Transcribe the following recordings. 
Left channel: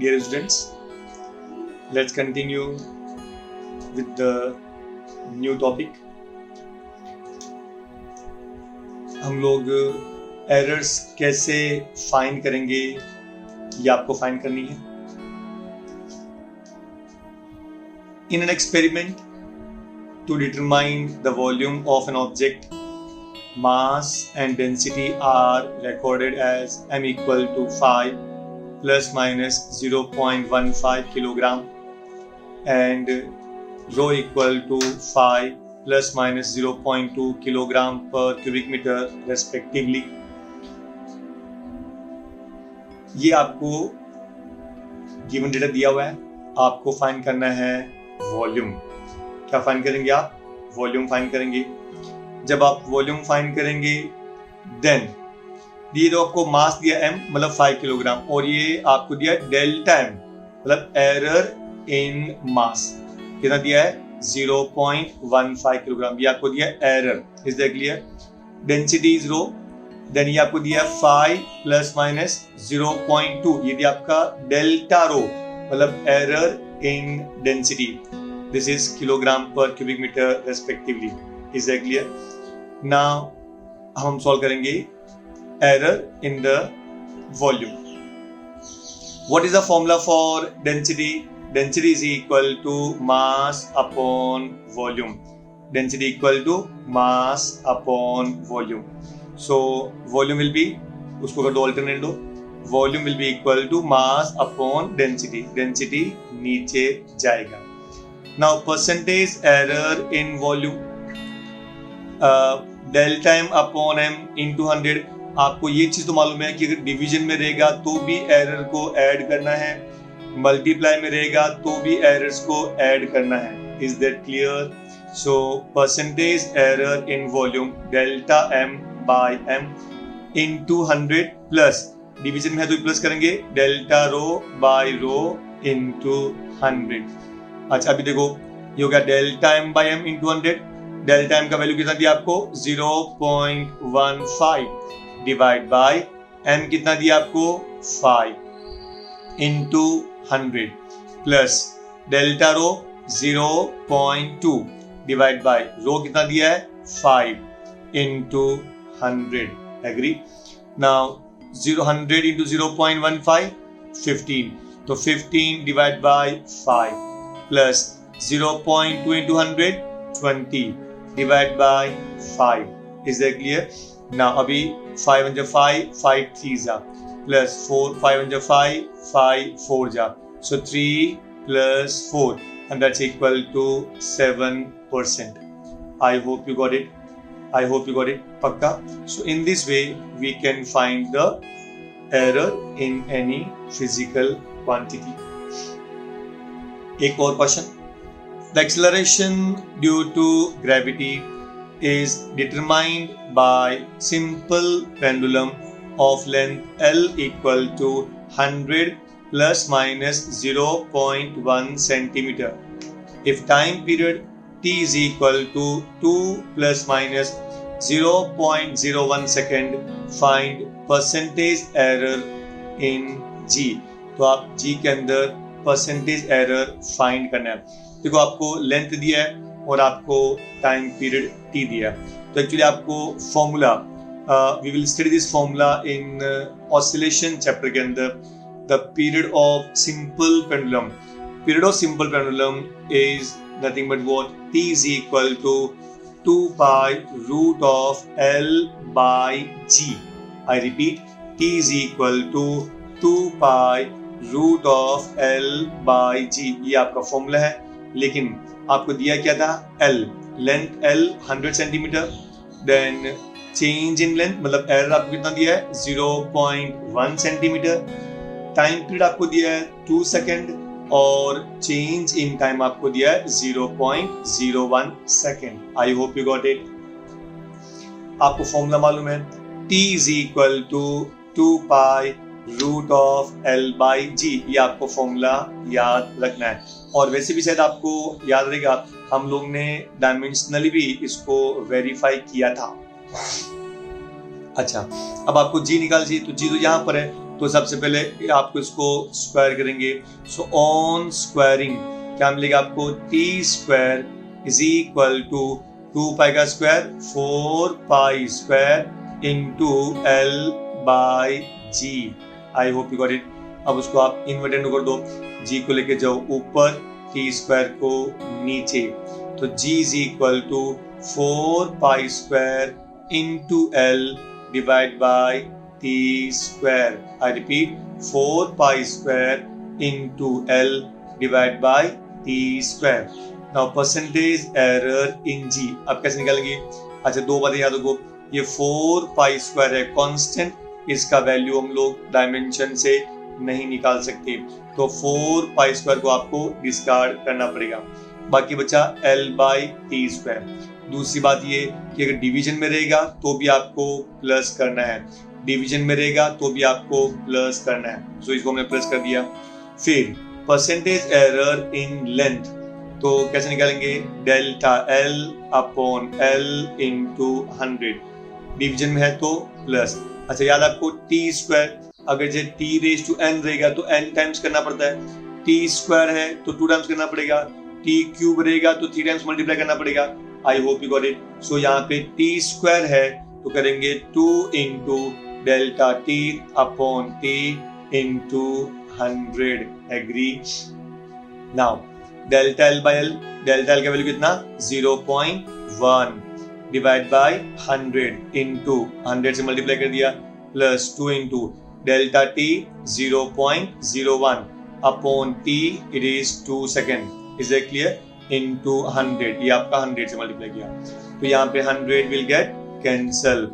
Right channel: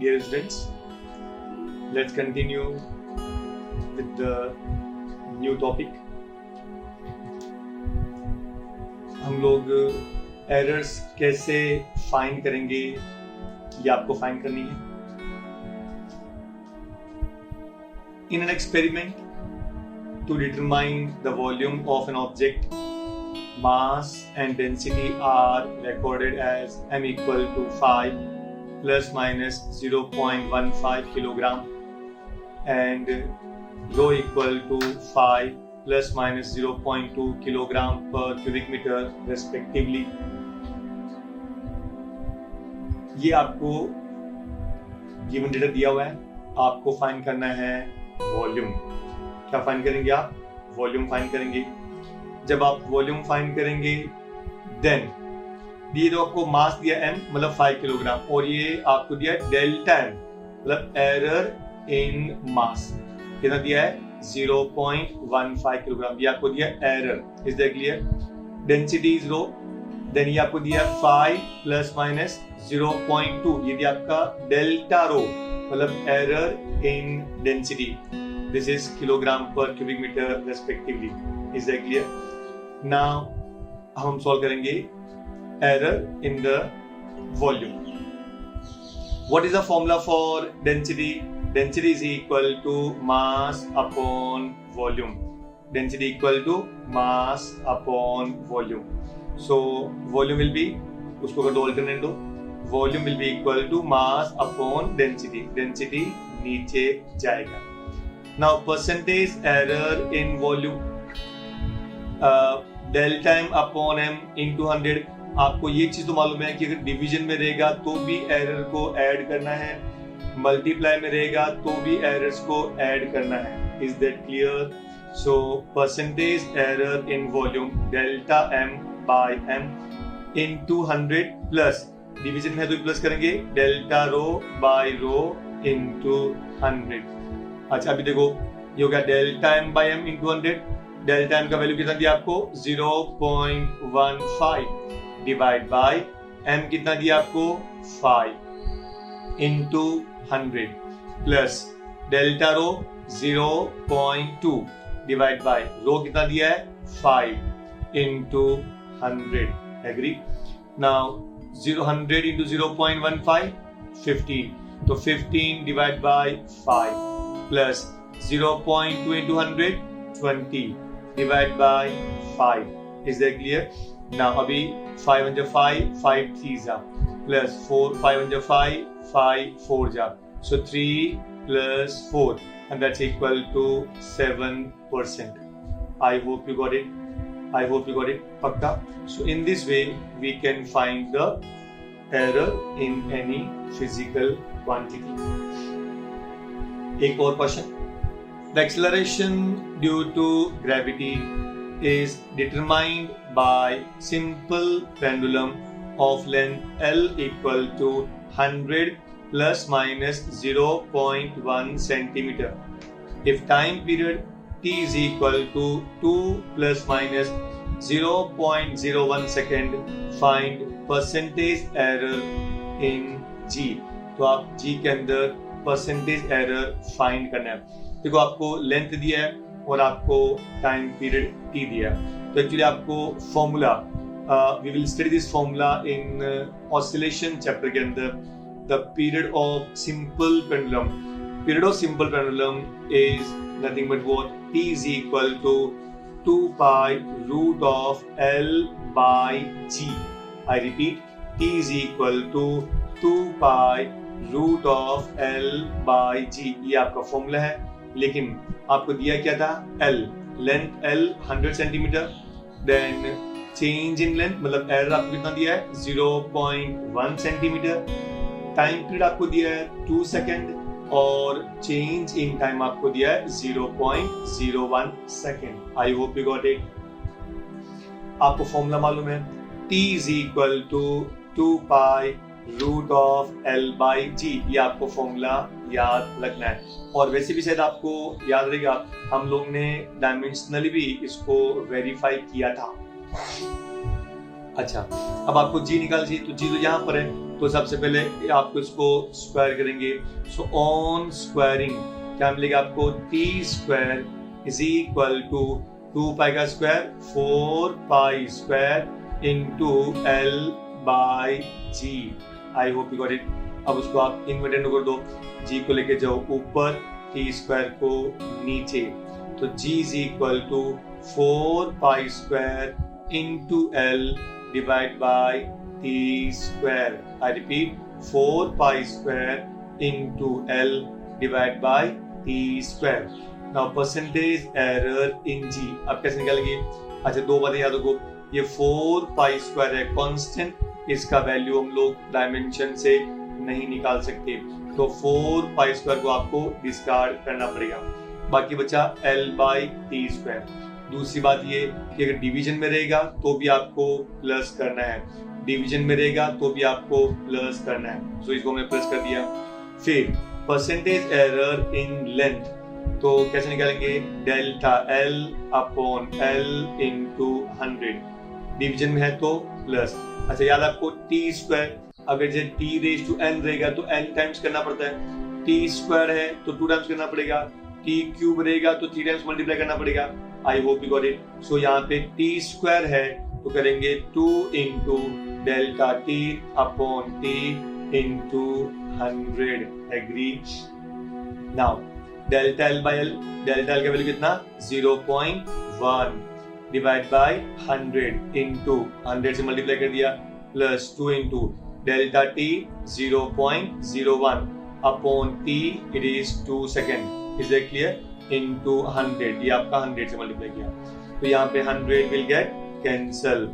dear students, let's continue with the new topic. हम लोग errors कैसे फाइंड करेंगे ये आपको फाइंड करनी है. In an experiment to determine the volume of an object, mass and density are recorded as m equal to 5 plus minus 0.15 kilogram and rho equal to 5 plus minus 0.2 kilogram per cubic meter respectively. ये आपको given data दिया हुआ है, आपको find करना है volume. क्या find करेंगे आप? वॉल्यूम फाइंड करेंगे. जब आप वॉल्यूम फाइंड करेंगे देन ये तो आपको मास दिया m मतलब 5 किलोग्राम और ये आपको दिया डेल्टा m मतलब एरर इन मास कितना दिया है 0.15 किलोग्राम. ये आपको दिया error. Is that clear? Density is rho. Then ये आपको दिया 5 प्लस माइनस 0.2 ये दिया आपका डेल्टा रो मतलब error in density. This is kilogram per cubic metre respectively. Is that clear? Now हम सॉल्व करेंगे error in the volume. What is the formula for density? Density is equal to mass upon volume. Density equal to mass upon volume. So volume will be, उसको कर दो alternate दो. Volume will be equal to mass upon density. Density नीचे जाएगा. Now percentage error in volume. Delta m upon m into 100. आपको ये चीज तो मालूम है कि अगर डिवीजन में रहेगा तो भी एरर को ऐड करना है, मल्टीप्लाई में रहेगा तो भी एरर्स को ऐड करना है. Is that clear? So percentage error in volume delta m by m into 100 plus division में है तो प्लस करेंगे delta rho by rho into 100. अच्छा अभी देखो ये हो गया delta m by m into 100. Delta m का वैल्यू कितना दिया आपको 0.15 डिवाइड बाय m कितना दिया आपको 5 into 100 plus delta rho 0.2 divide by rho कितना दिया है 5 इनटू 100. एग्री? नाउ 100 इनटू 0.15 15 तो 15 divide by 5 plus 0.2 into 100 20 divide by 5. Is that clear? Now अभी 5 into 5 5 3 जा plus 4 5 into 5 5 4 जा. So 3 plus 4 and that's equal to 7%. I hope you got it. I hope you got it. Pakka. So in this way we can find the error in any physical quantity. एक और question. The acceleration due to gravity is determined by simple pendulum of length L equal to 100 plus minus 0.1 centimeter. If time period t is equal to 2 plus minus 0.01 second, find percentage error in G. तो आप G के अंदर percentage error find करना है. देखो आपको length दिया है और आपको टाइम पीरियड t दिया है. तो एक्चुअली आपको formula we will study this formula in oscillation chapter के अंदर. The period of simple pendulum. Period of simple pendulum is nothing but what? T is equal to 2 pi root of L by G. I repeat, T is equal to 2 pi root of L by G. ये आपका formula है. लेकिन आपको दिया क्या था? L. Length L 100 centimetre. Then change in length मतलब error आपको कितना दिया है 0.1 सेंटीमीटर. टाइम पीरियड आपको दिया है 2 सेकेंड और चेंज इन टाइम आपको दिया है 0.01 second. I hope you got it. आपको फॉर्मूला मालूम है T is equal to 2 pi root of L by G. ये आपको फॉर्मूला याद रखना है. और वैसे भी शायद आपको याद रहेगा हम लोग ने डायमेंशनली भी इसको वेरीफाई किया था. अच्छा, अब आपको जी निकाल चाहिए, तो जी तो यहाँ पर है, तो सबसे पहले आपको इसको स्क्वायर करेंगे। सो ऑन स्क्वायरिंग क्या मिलेगा आपको, T square is equal to 2 pi का square 4 pi square into L by G. I hope you got it. अब उसको आप इन्वर्टेंड कर दो, जी को लेके जाओ ऊपर, टी स्क्वायर को नीचे, तो G is equal to 4 pi square into L divide by T square. I repeat, 4 pi square into L divide by T square. Now percentage error in G, अब कैसे निकालेंगे? अच्छा, दो बातें याद रखो, ये 4 पाई स्क्वायर है कांस्टेंट, इसका वैल्यू हम लोग डायमेंशन से नहीं निकाल सकते, तो 4 पाई स्क्वायर को आपको डिस्कार्ड करना पड़ेगा। बाकी बचा एल बाई टी स्क्वायर। दूसरी बात ये कि अगर डिवीजन में रहेगा तो भी आपको प्लस करना है, डिवीजन में रहेगा तो भी आपको प्लस करना है, सो इसको हमने प्लस कर दिया। फिर परसेंटेज एरर इन लेंथ, तो कैसे निकालेंगे? Delta L upon L into 100, division में है तो प्लस। अच्छा, याद आपको टी स्क्वायर, अगर जो टी रेज टू एन रहेगा तो एन टाइम्स करना पड़ता है, टी स्क्वायर है तो 2 टाइम्स करना पड़ेगा, टी क्यूब रहेगा तो 3 टाइम्स मल्टीप्लाई करना पड़ेगा। I hope you got it. So यहाँ पे टी स्क्वायर है तो करेंगे 2 into delta T upon T into 100। Agree? Now delta L by L, delta L का वैल्यू कितना? 0.1 डिवाइड बाय 100 इंटू 100 से मल्टीप्लाई कर दिया, plus 2 into delta T 0.01 upon T, it is 2 second. Is it clear? Into 100, ये आपका 100 से multiply किया, तो यहाँ पे 100 will get cancel,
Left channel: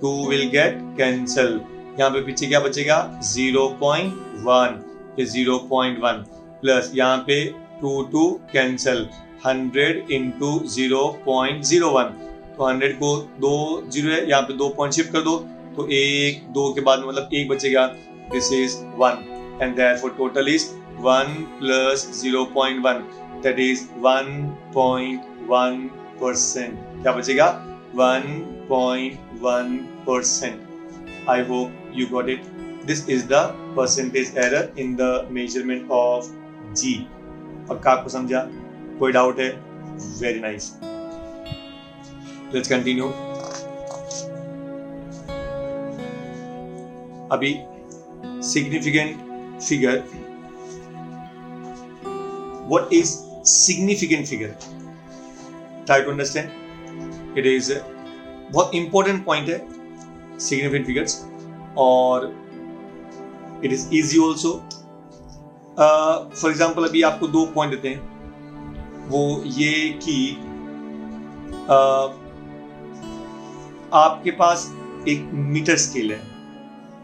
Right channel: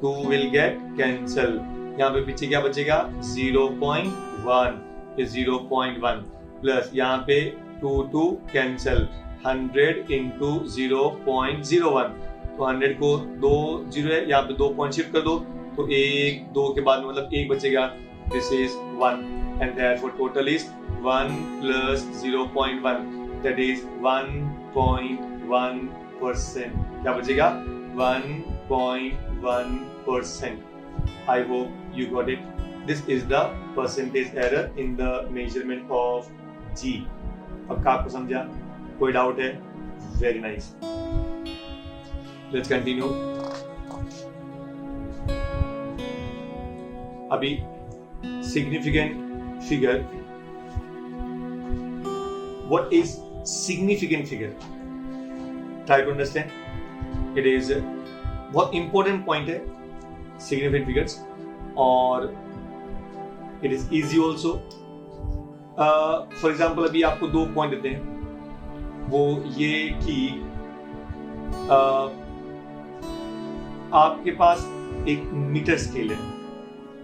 2 will get cancel, यहाँ पे पीछे क्या बचेगा? 0.1, ये 0.1 प्लस यहाँ पे 2 कैंसल, 100 इंटू 0.01, तो 100 को 2 जीरो है, यहाँ पे 2 पॉइंट शिफ्ट कर दो, तो 1 2 के बाद मतलब 1 बचेगा, this is 1 and therefore total is 1 plus 0.1, that is 1.1%। क्या बचेगा? 1.1%। I hope you got it. This is the percentage error in the measurement of G. पक्का आपको समझा? कोई डाउट है? Very nice, let's continue. अभी significant figure, what is significant figure? Try to understand. It is बहुत important point है significant figures, और it is easy also. For example, अभी आपको 2 पॉइंट देते हैं, वो ये कि आपके पास एक मीटर स्केल है,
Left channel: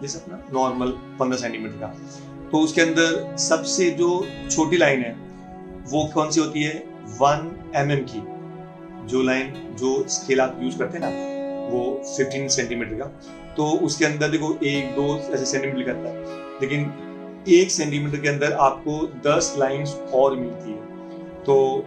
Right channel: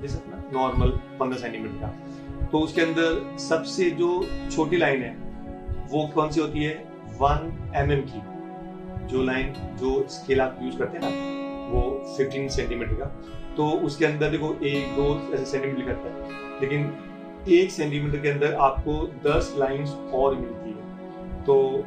जैसे अपना नॉर्मल 15 सेंटीमीटर का, तो उसके अंदर सबसे जो छोटी लाइन है वो कौन सी होती है? 1 mm की। जो लाइन, जो स्केल आप यूज करते हैं ना, वो 15 सेंटीमीटर का, तो उसके अंदर देखो 1 2 ऐसे सेंटीमीटर करता है, लेकिन 1 सेंटीमीटर के अंदर आपको 10 लाइंस और मिलती है, तो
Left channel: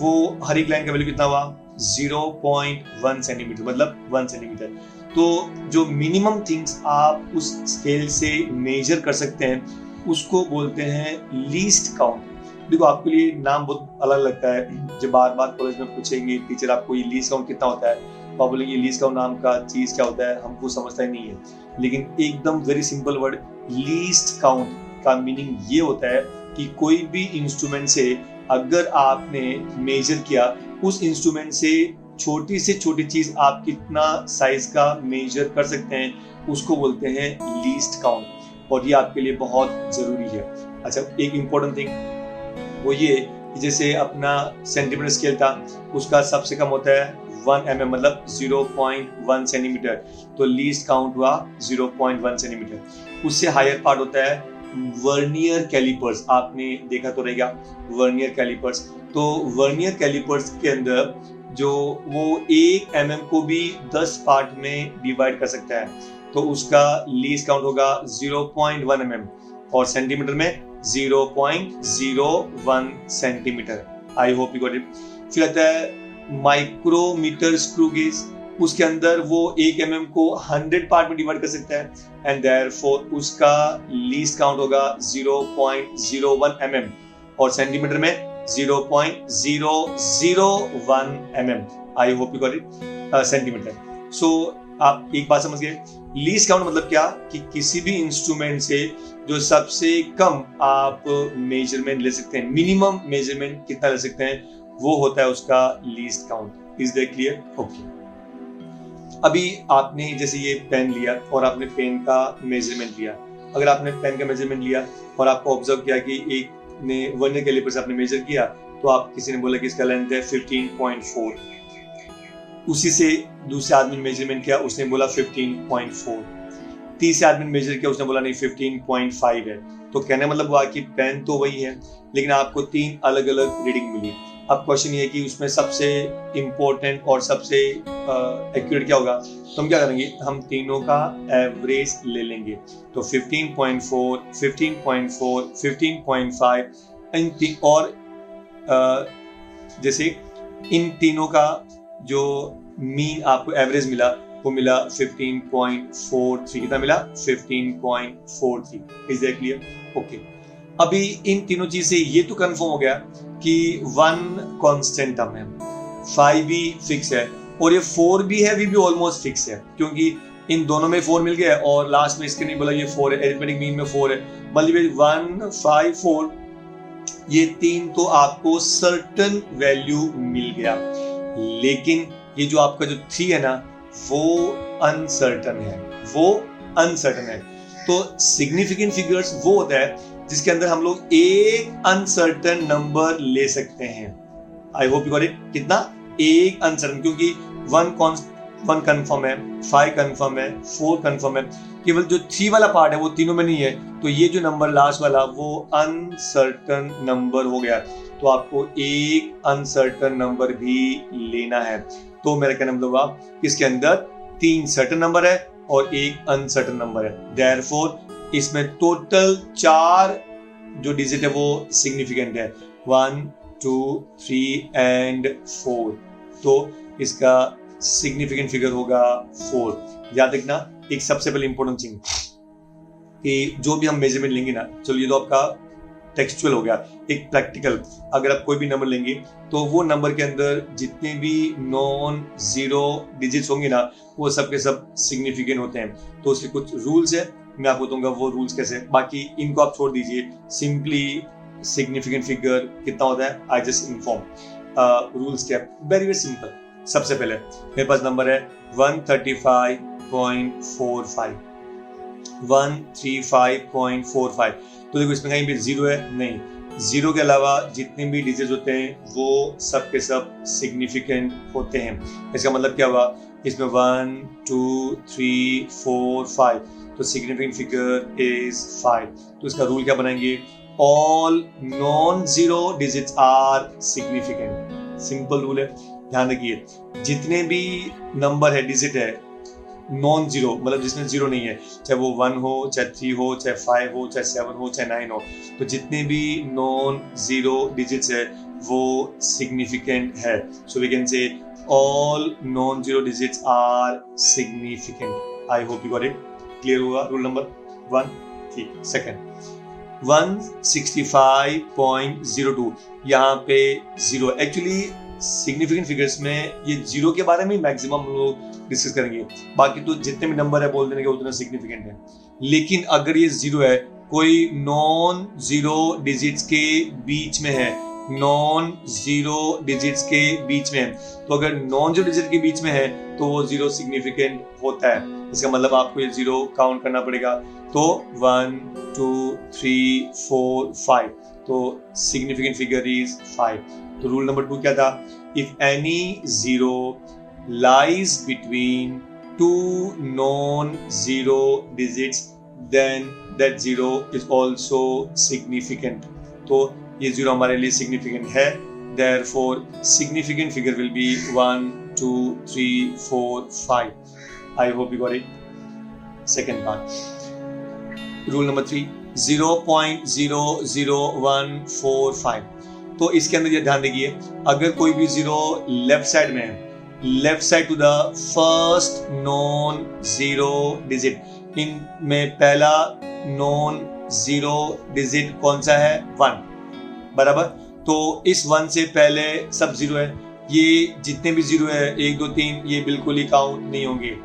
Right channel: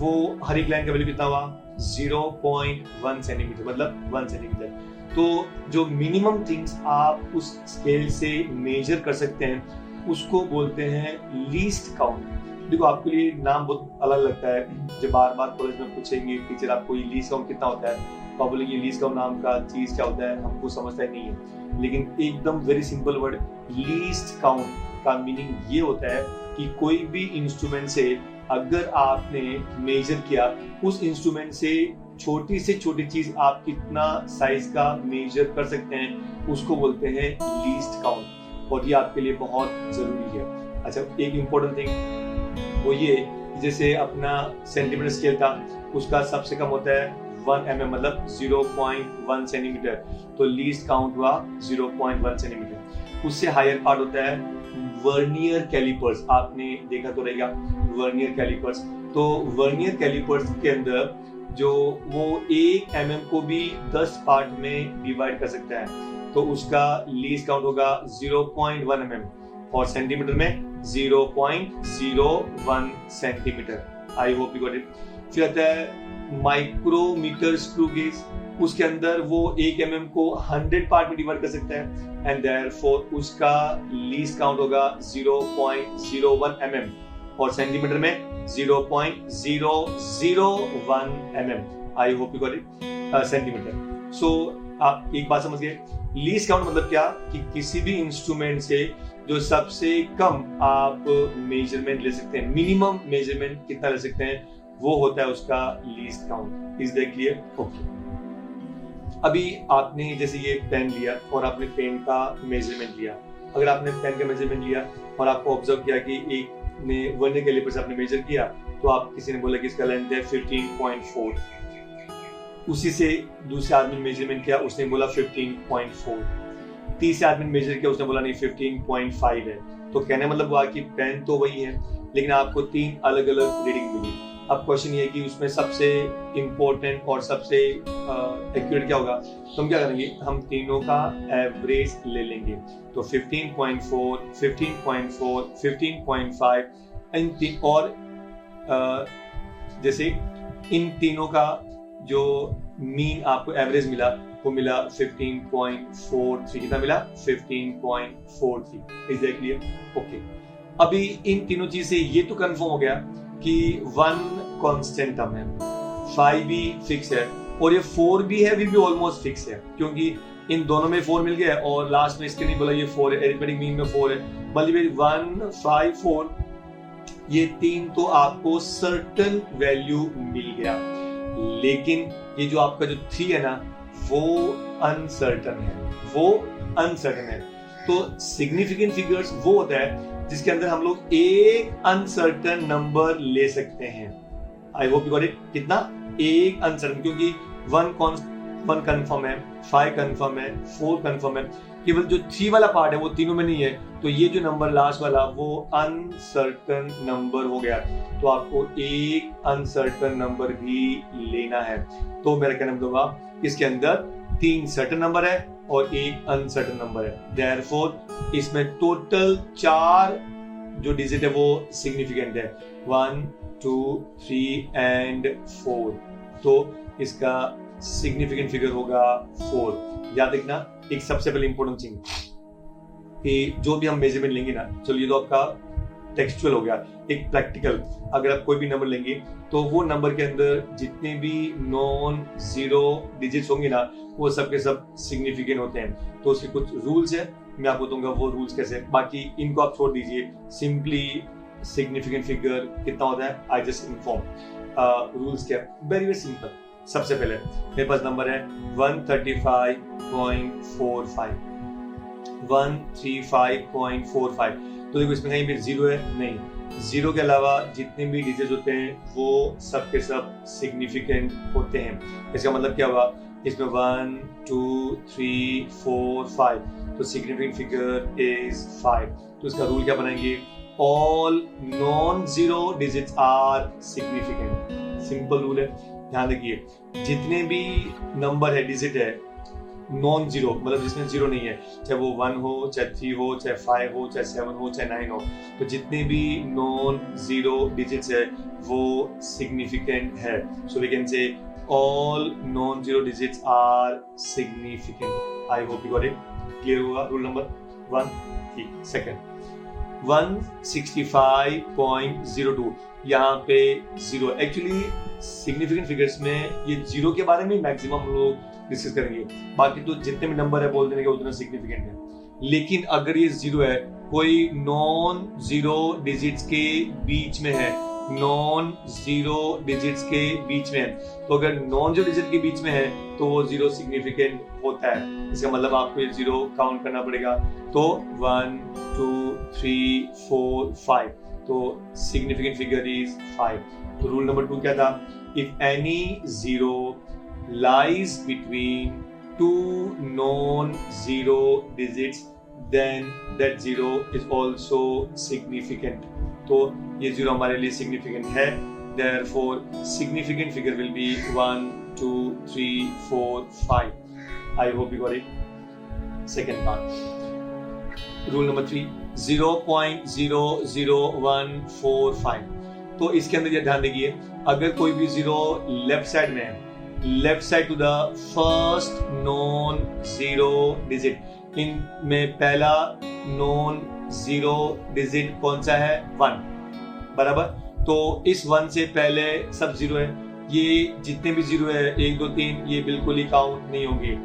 वो हर एक लाइन का वैल्यू कितना हुआ? 0.1 सेंटीमीटर, मतलब 1 सेंटीमीटर। तो जो मिनिमम थिंग्स आप उस स्केल से मेजर कर सकते हैं उसको बोलते हैं लीस्ट काउंट। देखो, आपके लिए नाम बहुत अलग लगता है, जब बार बार कॉलेज में पूछेंगे टीचर आपको ये लीस्ट काउंट कितना होता है, तो आप बोलेंगे लीस्ट काउंट नाम का चीज क्या होता है, हमको समझता ही नहीं है। लेकिन एकदम very simple word, least count का मीनिंग ये होता है कि कोई भी इंस्ट्रूमेंट से अगर आपने मेजर किया, उस इंस्ट्रूमेंट से छोटी चीज आप कितना साइज का मेजर कर सकते हैं, उसको बोलते हैं लीस्ट काउंट, और ये आपके लिए बहुत जरूरी है। अच्छा, एक इंपॉर्टेंट थिंग वो ये, जैसे अपना सेंटीमीटर स्केल था, उसका सबसे कम होता है 1 mm, मतलब 0.1 सेंटीमीटर, तो लीस्ट काउंट हुआ 0.1 सेंटीमीटर। उससे हायर पार्ट होता है वर्नियर कैलिपर्स, आपने देखा तो रहेगा वर्नियर कैलिपर्स। तो वर्नियर कैलिपर्स के अंदर जो वो 1 mm को भी 10 पार्ट में डिवाइड कर सकता है, तो उसका लीस्ट काउंट होगा 0.1 mm, और सेंटीमीटर में 0.01 centimetre. I hope you got it. फिर आता है माइक्रोमीटर स्क्रू गेज, उसके अंदर वो 1 mm को 100 पार्ट में डिवाइड कर सकता है एंड देयरफॉर उसका लीस्ट काउंट होगा 0.01 mm और सेंटीमीटर में 0.001 mm। I hope you got it, centimetre. So आप एक बात समझ गए, लीस्ट काउंट मतलब क्या कि किसी भी इंस्ट्रूमेंट से जो सबसे कम आप मेजरमेंट ले सकते हैं, मिनिमम मेजरमेंट कितना ले सकते हैं, वो होता है उसका least count. Is that clear? Okay. अभी आपने जैसे ये पेन लिया और आपने पेन का मेजरमेंट लिया। अगर आपने पेन का मेजरमेंट लिया और आपको ऑब्जर्व किया कि एक ने वर्नियर कैलिपर से आपने मेजर किया, तो आप किसी ने बोला कि इसका लेंथ है 15.4, उसी से दूसरे आदमी ने मेजरमेंट किया, उसने बोला 15.4, तीसरे आदमी ने मेजर किया, उसने बोला नहीं 15.5 है। तो कहने मतलब हुआ कि पेन तो वही है लेकिन आपको 3 अलग अलग रीडिंग मिली। अब क्वेश्चन ये है कि उसमें सबसे इंपॉर्टेंट और सबसे एक्यूरेट क्या होगा, तो हम क्या करेंगे, हम तीनों का एवरेज ले लेंगे। तो 15.4, 15.4, 15.5 और जैसे इन तीनों का जो मीन आपको एवरेज मिला वो मिला 15.43। कितना मिला? 15.43। Is that clear? ओके। अभी इन तीनों चीज से ये तो कंफर्म हो गया कि 1 कांस्टेंट टर्म है, 5 भी फिक्स है और ये 4 भी है, भी ऑलमोस्ट फिक्स है क्योंकि इन दोनों में 4 मिल गया और लास्ट में इसके नहीं बोला ये 4 है, अरिथमेटिक मीन में 4 है, मतलब 1, 5, 4 ये 3 तो आपको सर्टेन वैल्यू मिल गया। लेकिन ये जो आपका जो 3 है ना वो अनसर्टन है। तो सिग्निफिकेंट फिगर्स वो होता है जिसके अंदर हम लोग एक अनसर्टन नंबर ले सकते हैं। आई होप यू गॉट इट। कितना? एक अनसर्टन, क्योंकि 1 कंफर्म है, 5 कंफर्म है, 4 कंफर्म है, केवल जो 3 वाला पार्ट है वो तीनों में नहीं है। तो ये जो नंबर लास्ट वाला वो अनसर्टन नंबर हो गया। तो आपको एक अनसर्टन नंबर भी लेना है। तो मेरा कहना मतलब आप इसके अंदर 3 सर्टन नंबर है और एक अनसर्टन नंबर है। देयरफॉर इसमें टोटल 4 जो डिजिट है वो सिग्निफिकेंट है, 1, 2, 3 एंड 4। तो इसका सिग्निफिकेंट फिगर होगा 4। याद रखना एक सबसे पहले इंपॉर्टेंट थिंग कि जो भी हम मेजरमेंट लेंगे ना, चलो ये तो आपका टेक्सचुअल हो गया, एक प्रैक्टिकल। अगर आप कोई भी नंबर लेंगे तो वो नंबर के अंदर जितने भी नॉन जीरो डिजिट्स होंगे ना वो सब के सब सिग्निफिकेंट होते हैं। तो उसके कुछ रूल्स है, मैं आपको बताऊंगा वो रूल्स कैसे। बाकी इनको आप छोड़ दीजिए, सिंपली सिग्निफिकेंट फिगर कितना होता है आई जस्ट इन्फॉर्म। रूल्स क्या? Very very simple. सबसे पहले मेरे पास नंबर है 135.45, 135.45। तो देखो इसमें कहीं भी जीरो है नहीं, जीरो के अलावा जितने भी डिजिट होते हैं वो सब के सब सिग्निफिकेंट होते हैं। इसका मतलब क्या हुआ, इसमें 1, 2, 3, 4, 5, तो सिग्निफिकेंट फिगर इज 5। तो इसका रूल क्या बनाएंगे, all non zero digits are significant. Simple rule है, ध्यान रखिए। जितने भी नंबर है, डिजिट है नॉन जीरो, मतलब जिसमें जीरो नहीं है, चाहे वो 1 हो, चाहे 3 हो, चाहे 5 हो, चाहे 7 हो, चाहे 9 हो, तो जितने भी नॉन जीरो डिजिट्स है वो सिग्निफिकेंट है। So we can say all non zero digits are significant. I hope you got it. Clear हुआ रूल नंबर 1? ठीक। सेकंड 165.02, यहाँ पे जीरो। एक्चुअली सिग्निफिकेंट फिगर्स में ये जीरो के बारे में मैक्सिमम हम लोग डिस्कस करेंगे, बाकी तो जितने भी नंबर है बोल देने के उतना सिग्निफिकेंट है। लेकिन अगर ये जीरो है, कोई नॉन जीरो डिजिट्स के बीच में है, नॉन जीरो डिजिट्स के बीच में है, तो अगर नॉन जीरो डिजिट के बीच में है तो वो जीरो सिग्निफिकेंट होता है। इसका मतलब आपको ये जीरो काउंट करना पड़ेगा। तो 1, 2, 3, 4, 5, तो सिग्निफिकेंट फिगर इज 5। तो रूल नंबर 2 क्या था, if any zero lies between two non-zero digits, then that zero is also significant. तो ये जीरो हमारे लिए सिग्निफिकेंट है, therefore significant figure will be 1, 2, 3, 4, 5. I hope you got it. Second part, rule number 3, 0.00145। तो इसके अंदर ये ध्यान देखिए, अगर कोई भी जीरो लेफ्ट साइड में है left side to the first non zero digit. इनमें पहला नॉन जीरो डिजिट कौन सा है? 1, बराबर। तो इस 1 से पहले सब जीरो है, ये जितने भी जीरो है 1 2 3 ये बिल्कुल ही काउंट नहीं होंगे।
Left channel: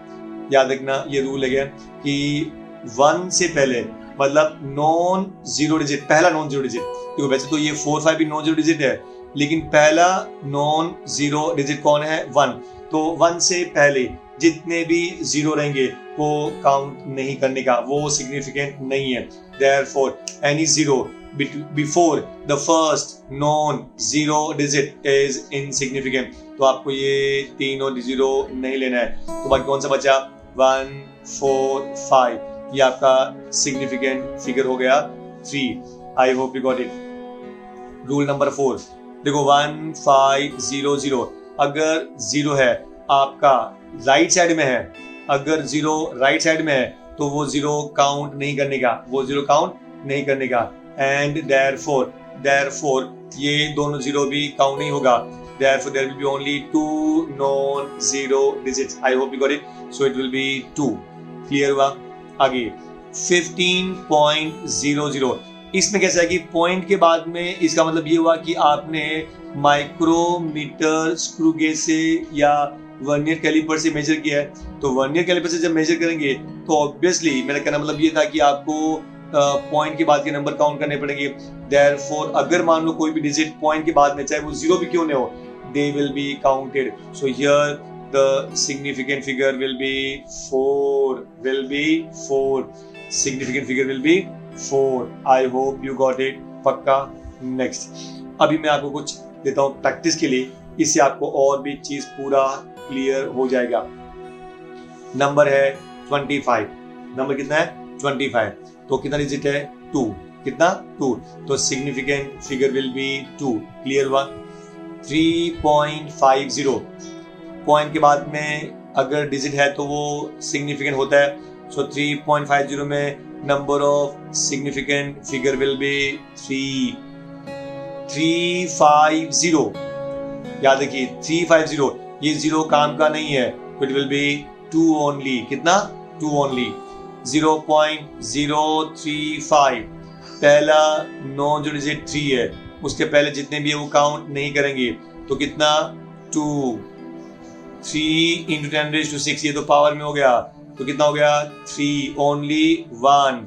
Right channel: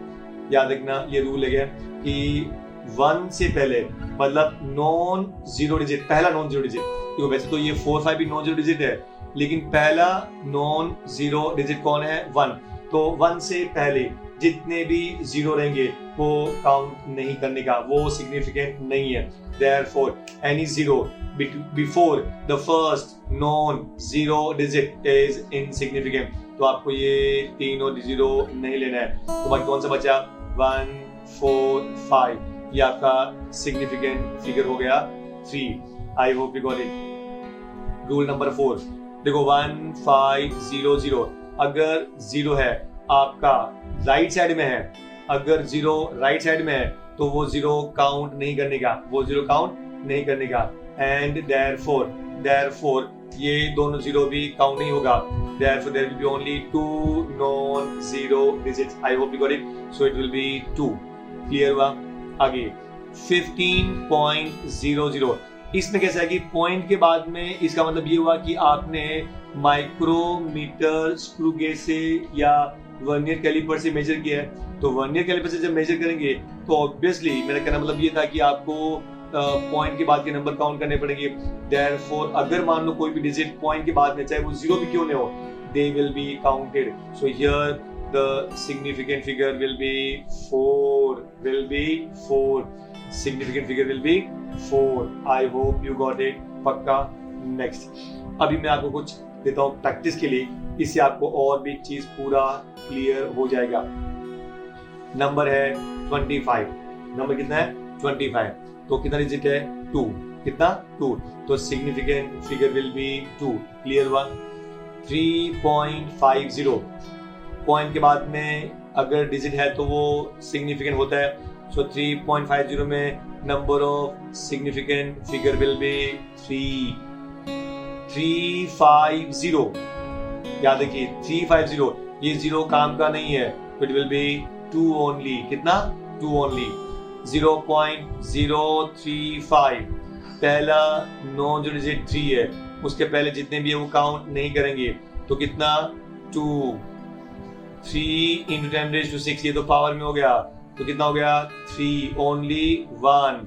याद रखना ये रूल है कि 1 से पहले मतलब नॉन जीरो डिजिट, पहला नॉन जीरो डिजिट, क्योंकि वैसे तो ये 4 5 भी नॉन जीरो डिजिट है, लेकिन पहला नॉन जीरो डिजिट कौन है? 1। तो 1 से पहले जितने भी जीरो रहेंगे वो काउंट नहीं करने का, वो सिग्निफिकेंट नहीं है। Therefore, any zero before the first non-zero digit is insignificant. तो आपको ये तीनों जीरो नहीं लेना है। तो बाकी कौन सा बचा? 1 4 5, ये आपका सिग्निफिकेंट फिगर हो गया 3। आई hope you got it. Rule number 4 देखो, 1 5 0 0, अगर जीरो है आपका राइट साइड में है, अगर जीरो राइट साइड में है तो वो जीरो काउंट नहीं करने का, वो जीरो काउंट नहीं करने का। एंड देयरफॉर ये दोनों जीरो भी काउंट नहीं होगा। Therefore there will be only 2 non-zero digits. I hope you got it. So it will be 2. Clear हुआ? आगे 15.00, इसमें कैसा है कि पॉइंट के बाद में इसका मतलब ये हुआ कि आपने माइक्रोमीटर स्क्रू गेज से या वर्नियर कैलिपर से मेजर किया है। तो वर्नियर कैलिपर से जब मेजर करेंगे तो ऑब्वियसली मेरा कहना मतलब ये था कि आपको पॉइंट के बाद के नंबर काउंट करने पड़ेंगे। देयरफॉर अगर मान लो कोई भी डिजिट पॉइंट के बाद में, चाहे वो जीरो भी क्यों नहीं हो, they will be counted. So here the significant figure will be 4. Significant figure will be 4. I hope you got it. पक्का। नेक्स्ट अभी मैं आपको कुछ देता हूँ प्रैक्टिस के लिए, इससे आपको और भी चीज पूरा क्लियर हो जाएगा। नंबर है 25। नंबर कितना है? 25। तो कितना डिजिट है? 2। कितना? 2। तो significant figure will be 2। Clear हुआ? 3.50, पॉइंट के बाद में अगर डिजिट है तो वो सिग्निफिकेंट होता है। सो 3.50 में number of significant figure will be 350। याद रखिए 350, ये जीरो काम का नहीं है, इट विल बी 2 ओनली। कितना? 2 ओनली। 0.035, पहला नॉन जो डिजिट 3 है, उसके पहले जितने भी है वो काउंट नहीं करेंगे। तो कितना? 2। 3 × 10⁻⁶, ये तो पावर में हो गया, तो कितना हो गया? 3 ओनली 1।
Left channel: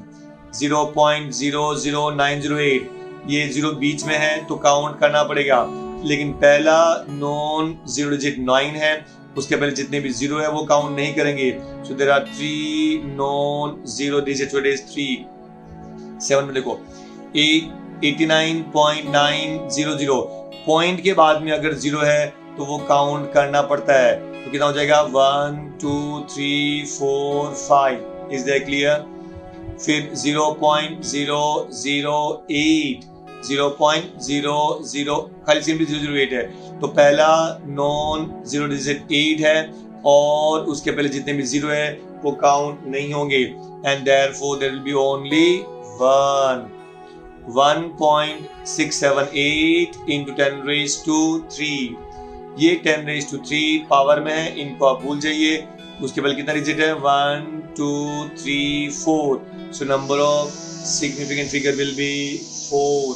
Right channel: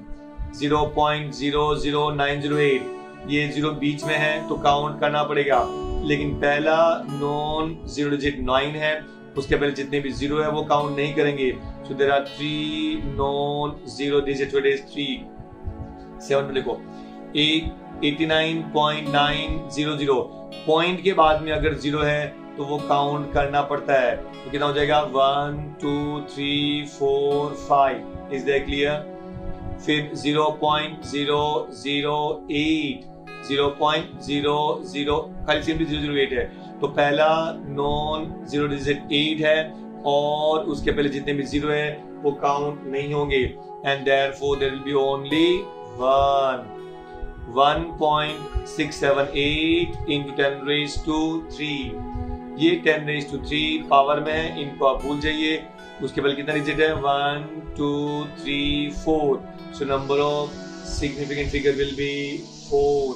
0.00908, ये जीरो बीच में है तो काउंट करना पड़ेगा, लेकिन पहला नॉन जीरो डिजिट 9 है, उसके पहले जितने भी जीरो है वो काउंट नहीं करेंगे। So there are 3 non zero digit, it is 3। 7 में देखो 89.900, पॉइंट के बाद में अगर जीरो है तो वो काउंट करना पड़ता है। तो कितना हो जाएगा? 1 2 3 4 5। Is that clear? फिर 0.008, 0.00, खाली सिंपली 008 है, तो पहला नॉन जीरो डिजिट 8 है और उसके पहले जितने भी जीरो है वो काउंट नहीं होंगे। And therefore there will be only 1। 1.678 × 10⁻³ ये 10⁻³ पावर में है, इनको आप भूल जाइए। उसके बाद कितना डिजिट है? 1 2 3 4। So number of significant figure will be 4।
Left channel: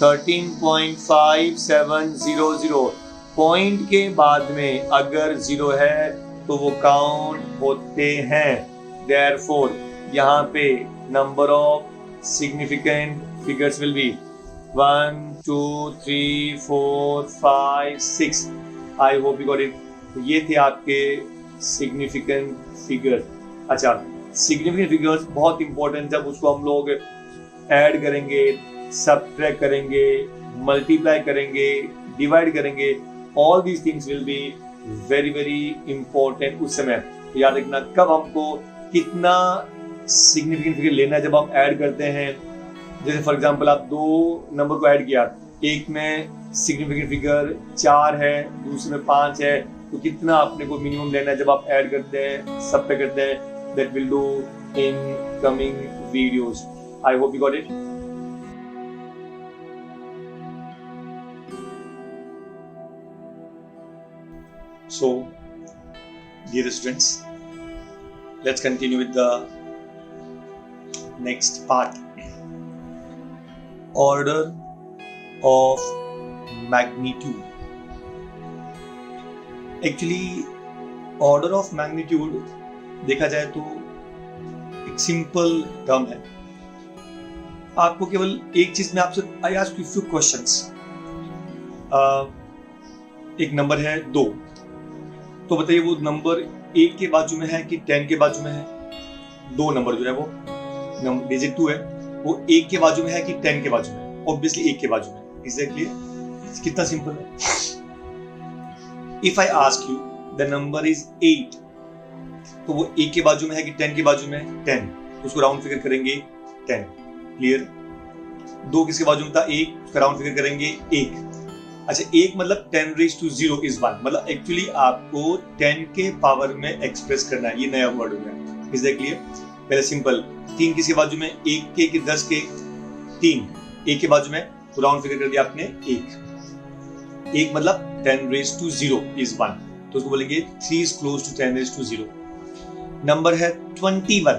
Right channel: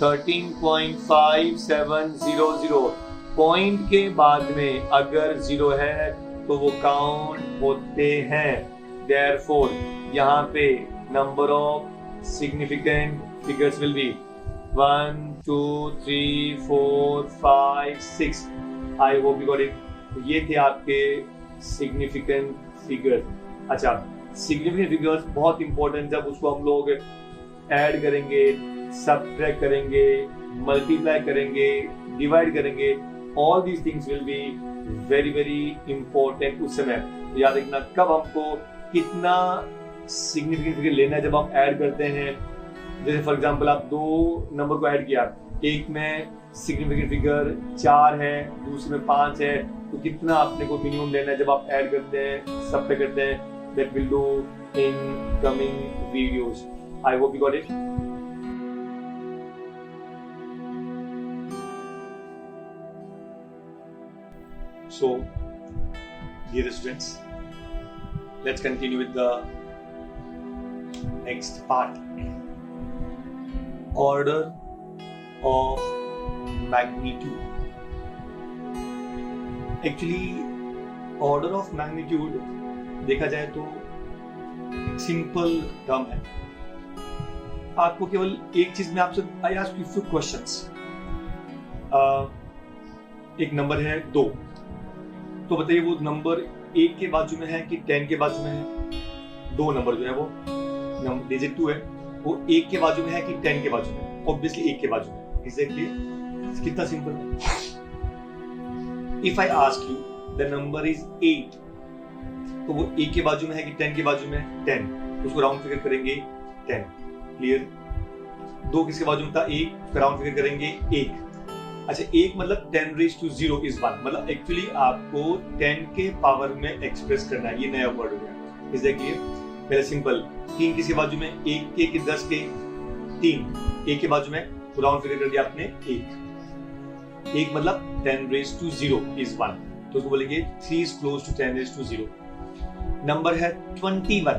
13.5700, point के बाद में अगर जीरो है तो वो काउंट होते हैं। देयरफॉर यहाँ पे number of significant figures will be 1 2 3 4 5 6। I hope you got it. तो ये थे आपके सिग्निफिकेंट फिगर्स। अच्छा, सिग्निफिकेंट फिगर्स बहुत इंपॉर्टेंट, जब उसको हम लोग ऐड करेंगे, सबट्रैक्ट करेंगे, मल्टीप्लाई करेंगे, डिवाइड करेंगे, all these things will be very very important उस समय। याद रखना कब हमको कितना सिग्निफिकेंट फिगर लेना है जब हम ऐड करते हैं। जैसे फॉर एग्जांपल आप दो नंबर को ऐड किया, एक में सिग्निफिकेंट फिगर 4 है, दूसरे में 5 है, तो कितना अपने को मिनिमम लेना है जब आप ऐड करते हैं, सबट्रैक्ट करते हैं। That will do in coming videos. I hope you got it. So, dear students, let's continue with the next part. Order of magnitude. Actually, order of magnitude देखा जाए तो एक सिंपल टर्म है. आपको केवल एक चीज में आपसे I ask you few questions. एक नंबर है 2, तो बताइए वो नंबर 1 के बाजू में है कि 10 के बाजू में है? 2 नंबर जो है वो डिजिट 2 है, वो 1 के बाजू में है कि 10 के बाजू में? ऑब्वियसली 1 के बाजू में. एग्जैक्टली, कितना सिंपल है. If I ask you the number is 8, तो वो 1 के बाजू में है कि 10 के बाजू में? 10. तो उसको राउंड फिगर करेंगे 10. क्लियर. 2 किसके बाजू में था? 1. उसका राउंड फिगर करेंगे 1. अच्छा, 1 मतलब 10 रेज़ टू 0 इज 1. मतलब एक्चुअली आपको 10 के पावर में एक्सप्रेस करना है. ये नया वर्ड हो गया. Is that clear? पहले सिंपल. 3 किसके बाजू में? 1 के कि 10 के? 3. 1 के बाजू में, तो राउंड फिगर कर दिया आपने 1. 1 मतलब 10 रेज़ टू 0 इज 1. तो उसको बोलेंगे 3 is close to 10 raise to 0. Number है 21,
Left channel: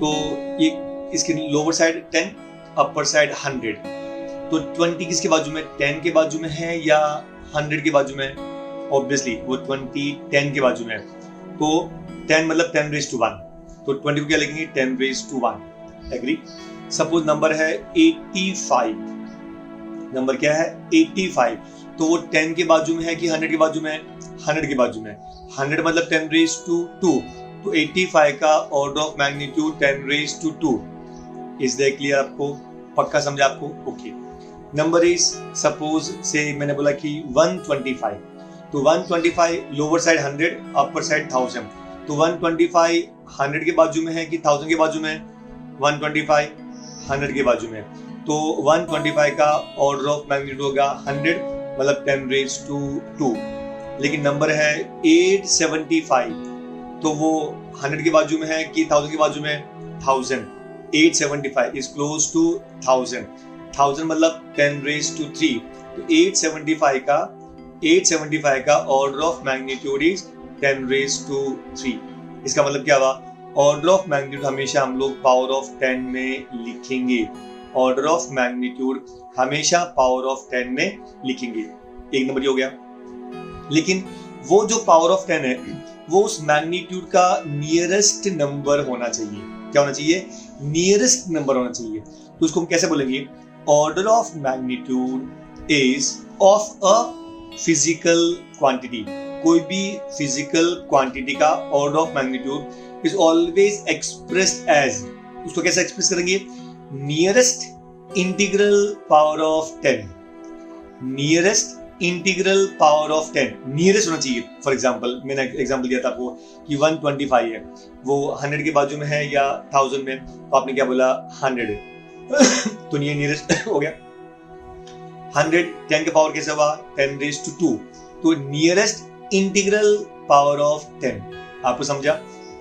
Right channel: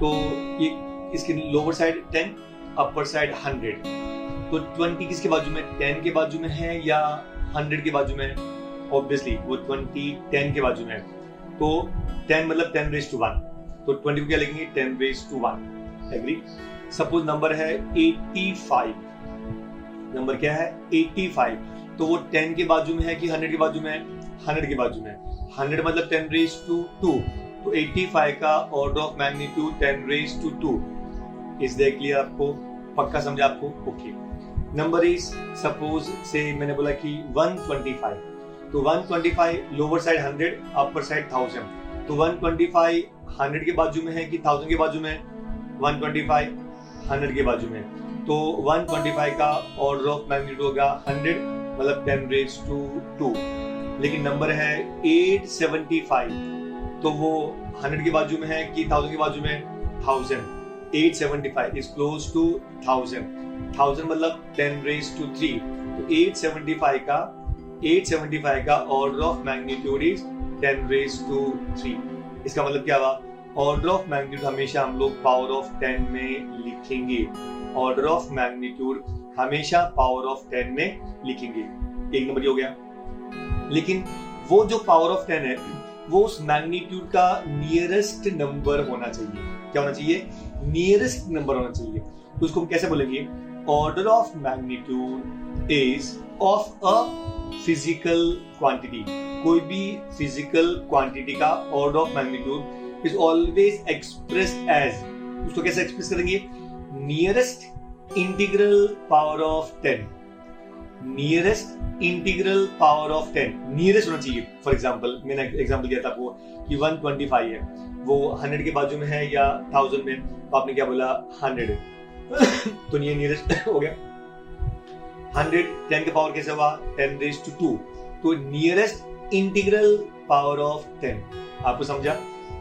तो ये इसके लोअर साइड 10, अपर साइड 100. तो 20 किसके बाजू में? 10 के बाजू में है या 100 के बाजू में? ऑब्वियसली वो 20 10 के बाजू में है. तो 10 मतलब 10 रेज़ टू 1. तो 20 को क्या लिखेंगे? 10 raise to 1. Agree. Suppose number है 85. नंबर क्या है? 85. तो वो 10 के बाजू में है कि 100 के बाजू में? 100 के बाजू में. 100 मतलब 10 रेज़ टू 2. तो 85 का order of magnitude 10 raise to 2. Is that clear? आपको पक्का समझा आपको? ओके. नंबर इज सपोज से मैंने बोला कि 125. तो 125 लोअर साइड 100, अपर साइड 1000. तो 125 100 के बाजू में है कि 1000 के बाजू में? 125 100 के बाजू में. तो 125 का ऑर्डर ऑफ मैग्नीट्यूड होगा 100, मतलब 10 रेज़ टू 2. लेकिन नंबर है 875. तो वो 100 के बाजू में है कि 1000 के बाजू में? 1000. 875 is close to 1000. 1000 मतलब 10 रेज़ टू 3. तो 875 का order of magnitude is 10 raise to 3. इसका मतलब क्या हुआ? ऑर्डर ऑफ मैग्नीट्यूड हमेशा हम लोग पावर ऑफ 10 में लिखेंगे. ऑर्डर ऑफ मैग्नीट्यूड हमेशा पावर ऑफ 10 में लिखेंगे. एक नंबर हो गया. लेकिन वो जो पावर ऑफ 10 है वो उस मैग्नीट्यूड का नियरेस्ट नंबर होना चाहिए. क्या होना चाहिए? नियरेस्ट नंबर होना चाहिए. तो उसको हम कैसे बोलेंगे? Order of magnitude is of a physical quantity. कोई भी फिजिकल क्वांटिटी का order of magnitude is always expressed as, उसको कैसे एक्सप्रेस करेंगे? Nearest integral power of 10. Nearest integral power of 10. Nearest होना चाहिए. फॉर एग्जांपल मैंने एग्जांपल दिया था आपको कि 125 है, वो 100 के बाजू में है या 1000 में? तो आपने क्या बोला? 100. तो ये नियरेस्ट हो गया. 100 10 के पावर कैसे हुआ? 10 रेज़ टू 2. तो नियरेस्ट इंटीग्रल पावर ऑफ 10. आपको समझा?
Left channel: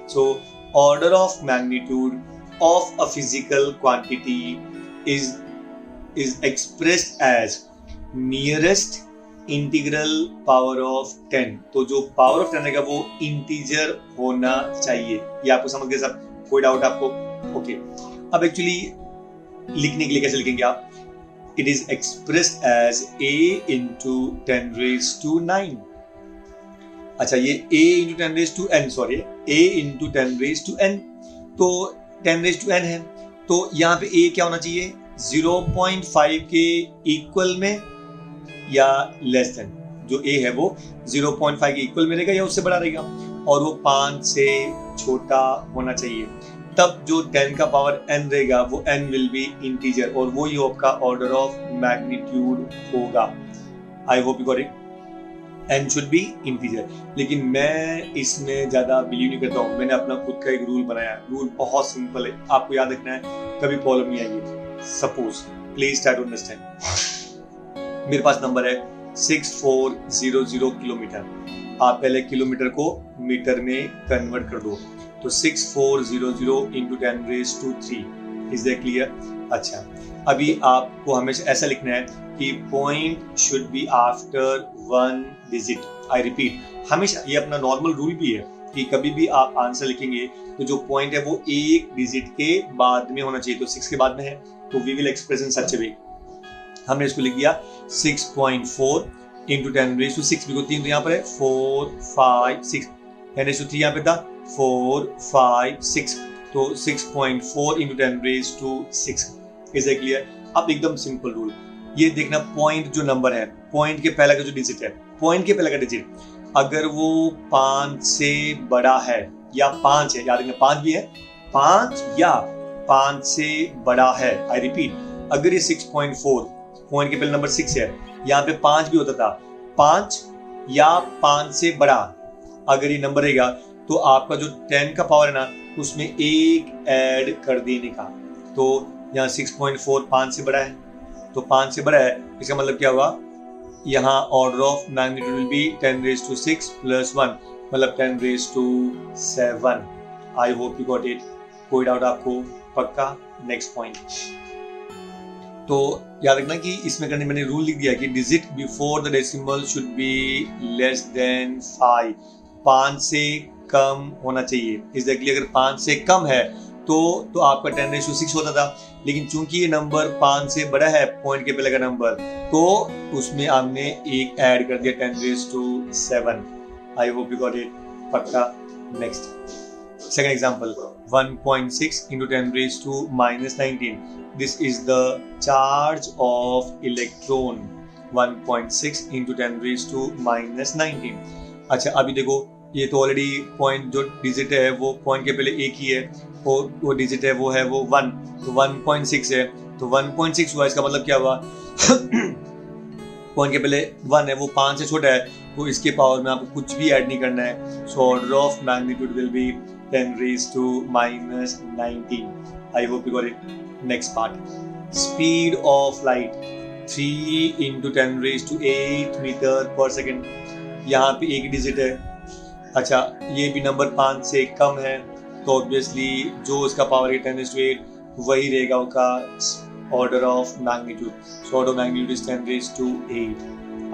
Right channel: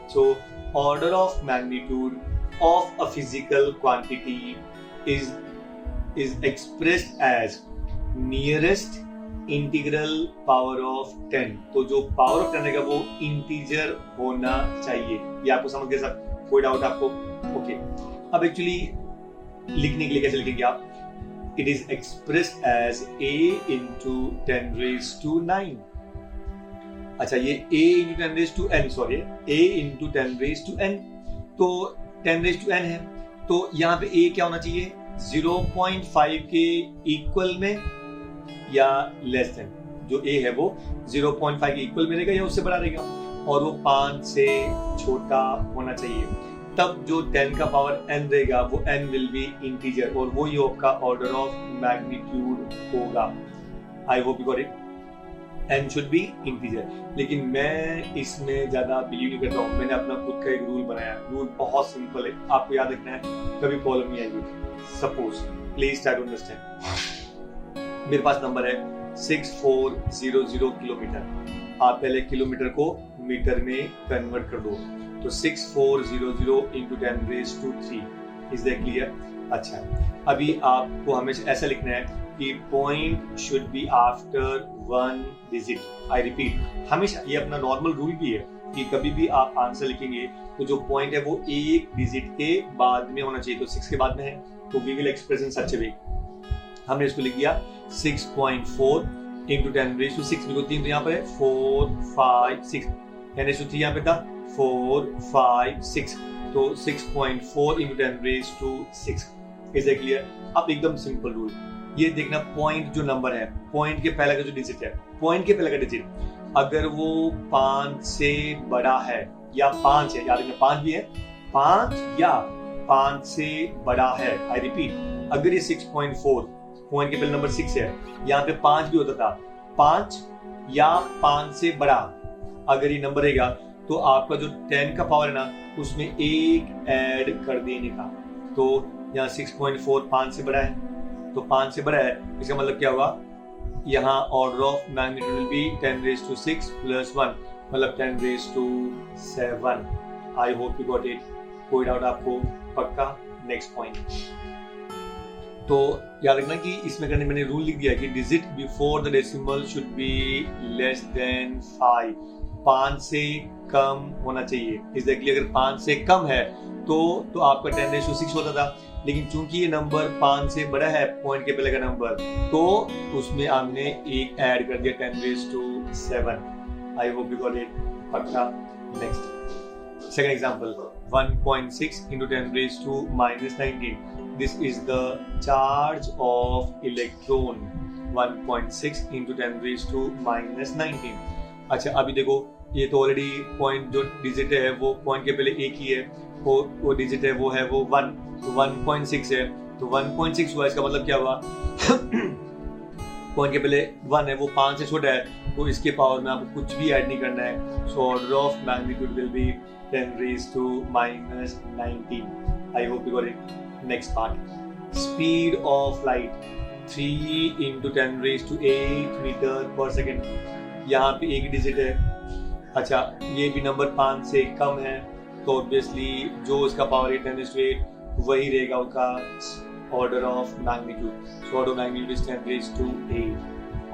So order of magnitude of a physical quantity is expressed as nearest integral power of 10. तो जो पावर ऑफ 10 रहेगा वो इंटीजर होना चाहिए. ये आपको समझ गया सब? कोई डाउट आपको? ओके. अब एक्चुअली लिखने के लिए कैसे लिखेंगे आप? It is expressed as a into 10 raised to 9. अच्छा, ये a into 10 raised to n, sorry, a into 10 raised to n. तो 10 raised to n है, तो यहाँ पे a क्या होना चाहिए? 0.5 के इक्वल में या लेस देन. जो a है वो 0.5 के इक्वल में रहेगा या उससे बड़ा रहेगा, और वो 5 से छोटा होना चाहिए. तब जो 10 का पावर n रहेगा वो n विल बी इंटीजर, और वो ही आपका ऑर्डर ऑफ मैग्नीट्यूड होगा. आई hope you got it. n should be integer. लेकिन मैं इसमें ज्यादा बिलीव नहीं करता हूँ. मैंने अपना खुद का एक रूल बनाया. रूल बहुत सिंपल है, आपको याद रखना है, कभी प्रॉब्लम नहीं आएगी. Suppose, please try to understand. मेरे पास नंबर है 6400 किलोमीटर. आप पहले किलोमीटर को मीटर में कन्वर्ट कर दो. तो 6400 into 10 raised to 3. Is that clear? अच्छा, अभी आपको हमेशा ऐसा लिखना है कि point should be after 1 digit. I repeat, हमेशा ये अपना नॉर्मल रूल भी है कि कभी भी आप आंसर लिखेंगे तो जो पॉइंट है वो एक डिजिट के बाद में होना चाहिए। तो 6 के बाद में है तो वी विल एक्सप्रेस इन सच ए वे। हमने इसको लिख दिया 6.4 इंटू 10⁻⁶, बिल्कुल 3 तो यहाँ पर है 4 5 6, 10⁻³ यहाँ पे था 4 5 6, तो 6.4 इंटू 10⁻⁶। Is that clear? अब एकदम सिंपल रूल, ये देखना पॉइंट जो नंबर है, पॉइंट के पहले का जो डिजिट है, पॉइंट के पहले का डिजिट अगर वो 5 से बड़ा है या 5 है, याद रखना 5 भी है, 5 या 5 से बड़ा है। आई रिपीट, अगर ये 6.4 पॉइंट के पहले नंबर 6 है, यहाँ पे 5 भी होता था, 5 या 5 से बड़ा अगर ये नंबर रहेगा तो आपका जो 10 का पावर है ना उसमें एक ऐड कर देने का। तो यहाँ 6.4 5 से बड़ा है, तो 5 से बड़ा है, इसका मतलब क्या हुआ, यहाँ order of magnitude will B 10⁻⁶ plus 1, मतलब 10⁻7। I hope you got it. कोई डाउट आपको? पक्का? Next point. तो याद रखना कि इसमें करने मैंने रूल लिख दिया कि digit before the decimal should be less than 5, 5 से कम होना चाहिए। एग्जैक्टली अगर 5 से कम है तो आपका 10⁻⁶ होता था, लेकिन चूंकि ये नंबर 5 से बड़ा है पॉइंट के पहले का नंबर, तो उसमें हमने एक ऐड कर दिया 10⁻7। I hope you got it. पक्का? Next second example, 1.6 into 10⁻⁻⁻19। This is the charge of electron 1.6 into 10⁻⁻19। अच्छा, अभी देखो ये तो ऑलरेडी पॉइंट जो डिजिट है वो पॉइंट के पहले एक ही है, और वो डिजिट है वो 1, तो 1.6 है, तो 1.6 हुआ, इसका मतलब क्या हुआ पॉइंट के पहले 1 है, वो 5 से छोटा है, तो इसके पावर में आपको कुछ भी ऐड नहीं करना है। So order of magnitude will be 10⁻⁻19। I hope you got it. Next part, speed of light 3 into 10⁸ metre पर सेकेंड। यहाँ पे एक डिजिट है। अच्छा, ये भी नंबर 5 से कम है, तो ऑब्वियसली जो इसका पावर है 10⁸ वही रहेगा उसका order of magnitude. So order of magnitude is 10⁸।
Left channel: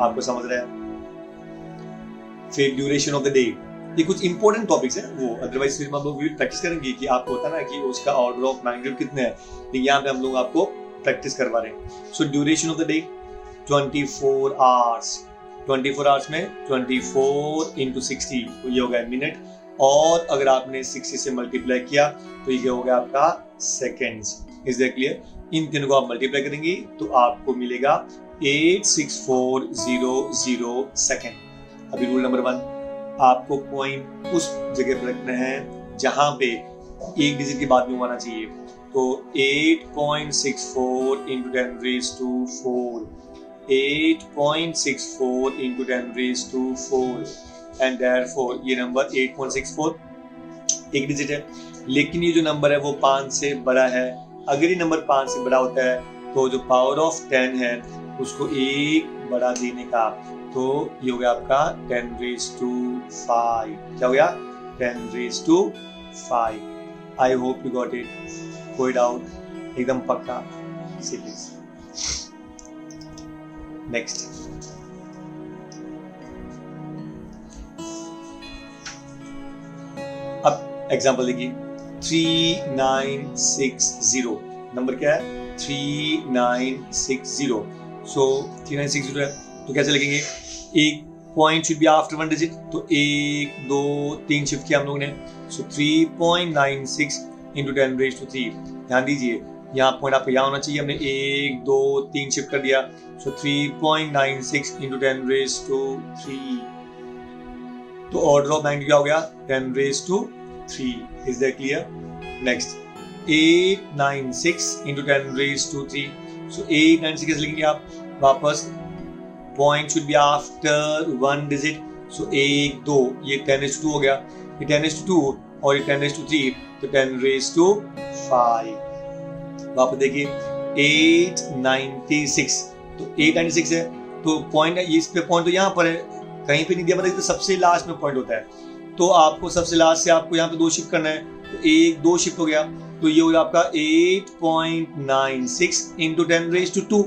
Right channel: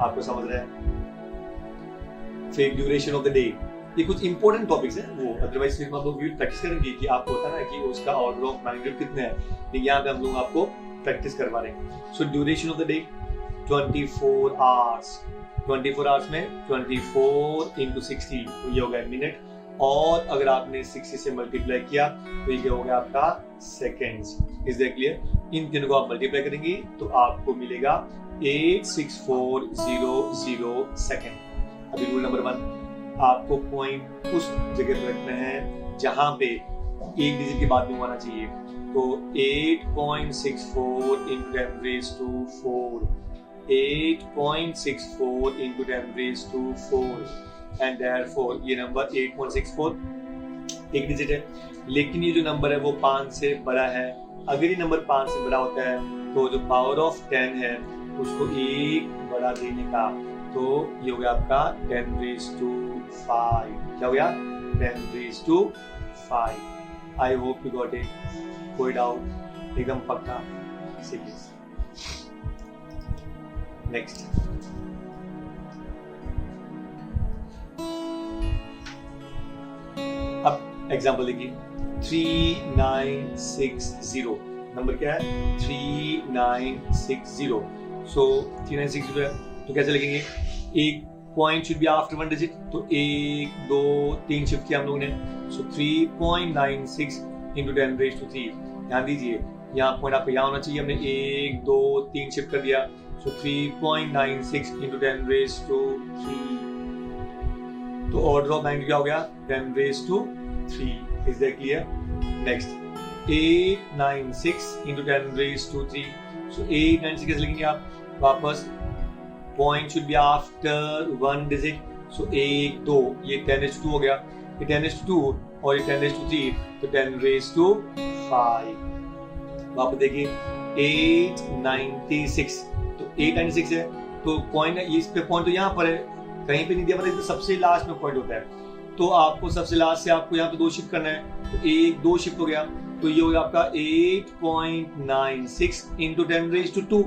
आपको समझ रहा है? फिर ड्यूरेशन ऑफ द डे, ये कुछ इंपॉर्टेंट टॉपिक्स हैं वो, अदरवाइज फिर हम लोग प्रैक्टिस करेंगे कि आपको होता है ना कि उसका ऑर्डर ऑफ मैग्नीट्यूड कितने हैं, लेकिन यहाँ पे हम लोग आपको प्रैक्टिस करवा रहे हैं। So duration of the day 24 hours. 24 hours में 24 इंटू 60, तो ये हो गया मिनट, और अगर आपने 60 से मल्टीप्लाई किया तो ये हो गया आपका सेकेंड्स। Is that clear? इन तीनों को आप मल्टीप्लाई करेंगे तो आपको मिलेगा 86400 सेकेंड। अभी रूल नंबर 1, आपको पॉइंट उस जगह पर रखना है जहां पे एक डिजिट के बाद में होना चाहिए। तो 8.64 इंटू 10⁻⁴, 8.64 इंटू 10⁻⁴, एंड देयरफॉर ये नंबर 8.64 एक डिजिट है, लेकिन ये जो नंबर है वो 5 से बड़ा है। अगर ये नंबर 5 से बड़ा होता है तो जो पावर ऑफ 10 है उसको एक बढ़ा देने का, तो ये हो गया आपका 10⁵. क्या हो गया? 10⁵. आई होप यू गॉट इट। कोई डाउट? एकदम पक्का? सीरियस। नेक्स्ट, अब एग्जांपल देखिए 3960। नंबर क्या है? 3960। सो 3960 है तो कैसे लिखेंगे? एक point should be after 1 digit, तो 1 2 3 शिफ्ट किया हम लोगों ने। सो 3.96 इंटू 10⁻⁵। ध्यान दीजिए, यहाँ पॉइंट आपको यहाँ होना चाहिए, हमने 1 2 3 शिफ्ट कर दिया। सो 3.96 इंटू 10⁻⁵, तो ऑर्डर ऑफ मैग्नीट्यूड क्या हो गया? 10⁻⁵. Is that clear? Next 896 into 10⁻⁵. So 896 कैसे लिखेंगे आप? वापस point should be after 1 digit. So 1 2, ये 10⁻² हो गया, ये 10⁻² और ये 10⁻3, तो 10⁵. वापस देखिए 896, तो 896 है, तो पॉइंट है, इस पे पॉइंट तो यहाँ पर है, कहीं पे नहीं दिया, मतलब सबसे लास्ट में पॉइंट होता है, तो आपको सबसे लास्ट से आपको यहाँ पे 2 शिफ्ट करना है, तो 1 2 शिफ्ट हो गया, तो तो ये होगा आपका 8.96 इंटू 10⁻²,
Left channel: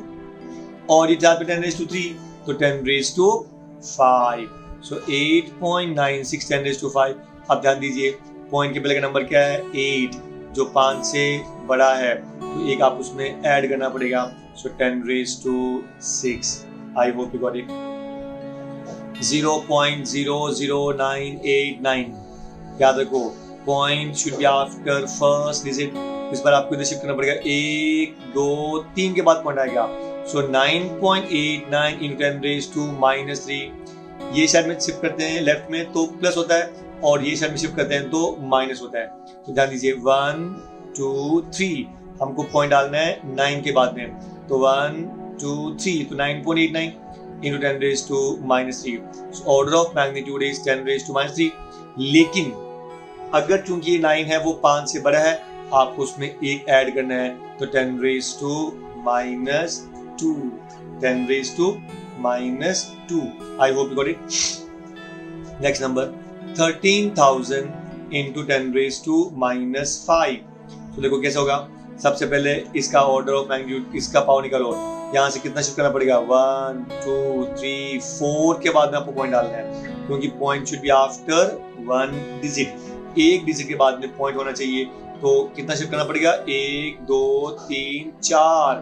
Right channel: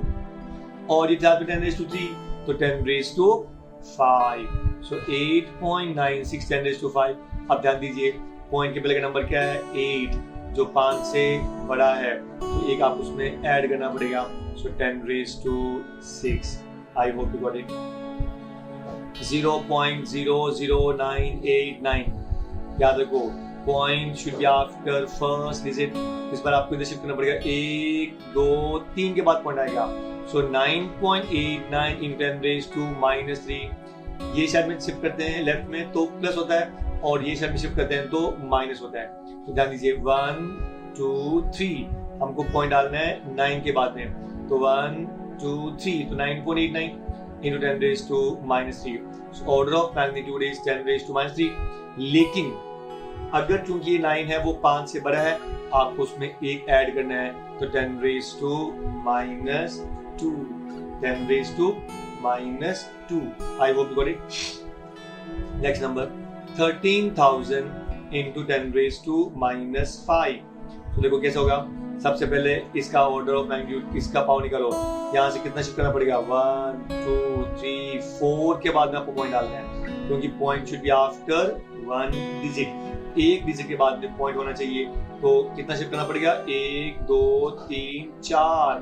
और ये 4 पे 10⁻³ तो 10⁻5। सो 8.96 10⁻5। अब ध्यान दीजिए पॉइंट के पहले का नंबर क्या है 8, जो 5 से बड़ा है, तो एक आप उसमें ऐड करना पड़ेगा। सो 10⁻6। आई होप यू गॉट इट। 0.00989 याद रखो, point should be after first digit. इस बार आपको इधर शिफ्ट करना पड़ेगा, 1 2 3 के बाद पॉइंट आएगा। सो 9.89 इन 10⁻³ ये साइड में शिफ्ट करते हैं लेफ्ट में तो प्लस होता है, और ये साइड में शिफ्ट करते हैं तो माइनस होता है। तो ध्यान दीजिए 1 2 3 हमको पॉइंट डालना है 9 के बाद में, तो 1 2 3 तो 9.89 into 10⁻³ order of magnitude is 10⁻³ लेकिन अगर चूंकि ये 9 है वो 5 से बड़ा है, आपको उसमें एक ऐड करना है, तो 10⁻², 10⁻²। आई hope you got it. Next number 13,000 into 10⁻⁻5। तो देखो कैसा होगा, सबसे पहले इसका ऑर्डर ऑफ मैग्नीट्यूड, इसका पावर निकालो। यहाँ से कितना शिफ्ट करना पड़ेगा 1 2 3 4 के बाद में आपको पॉइंट डालना है, क्योंकि point should be after 1 digit. एक डिजिट के बाद में पॉइंट होना चाहिए, तो कितना शिफ्ट करना पड़ेगा 1 2 3 4,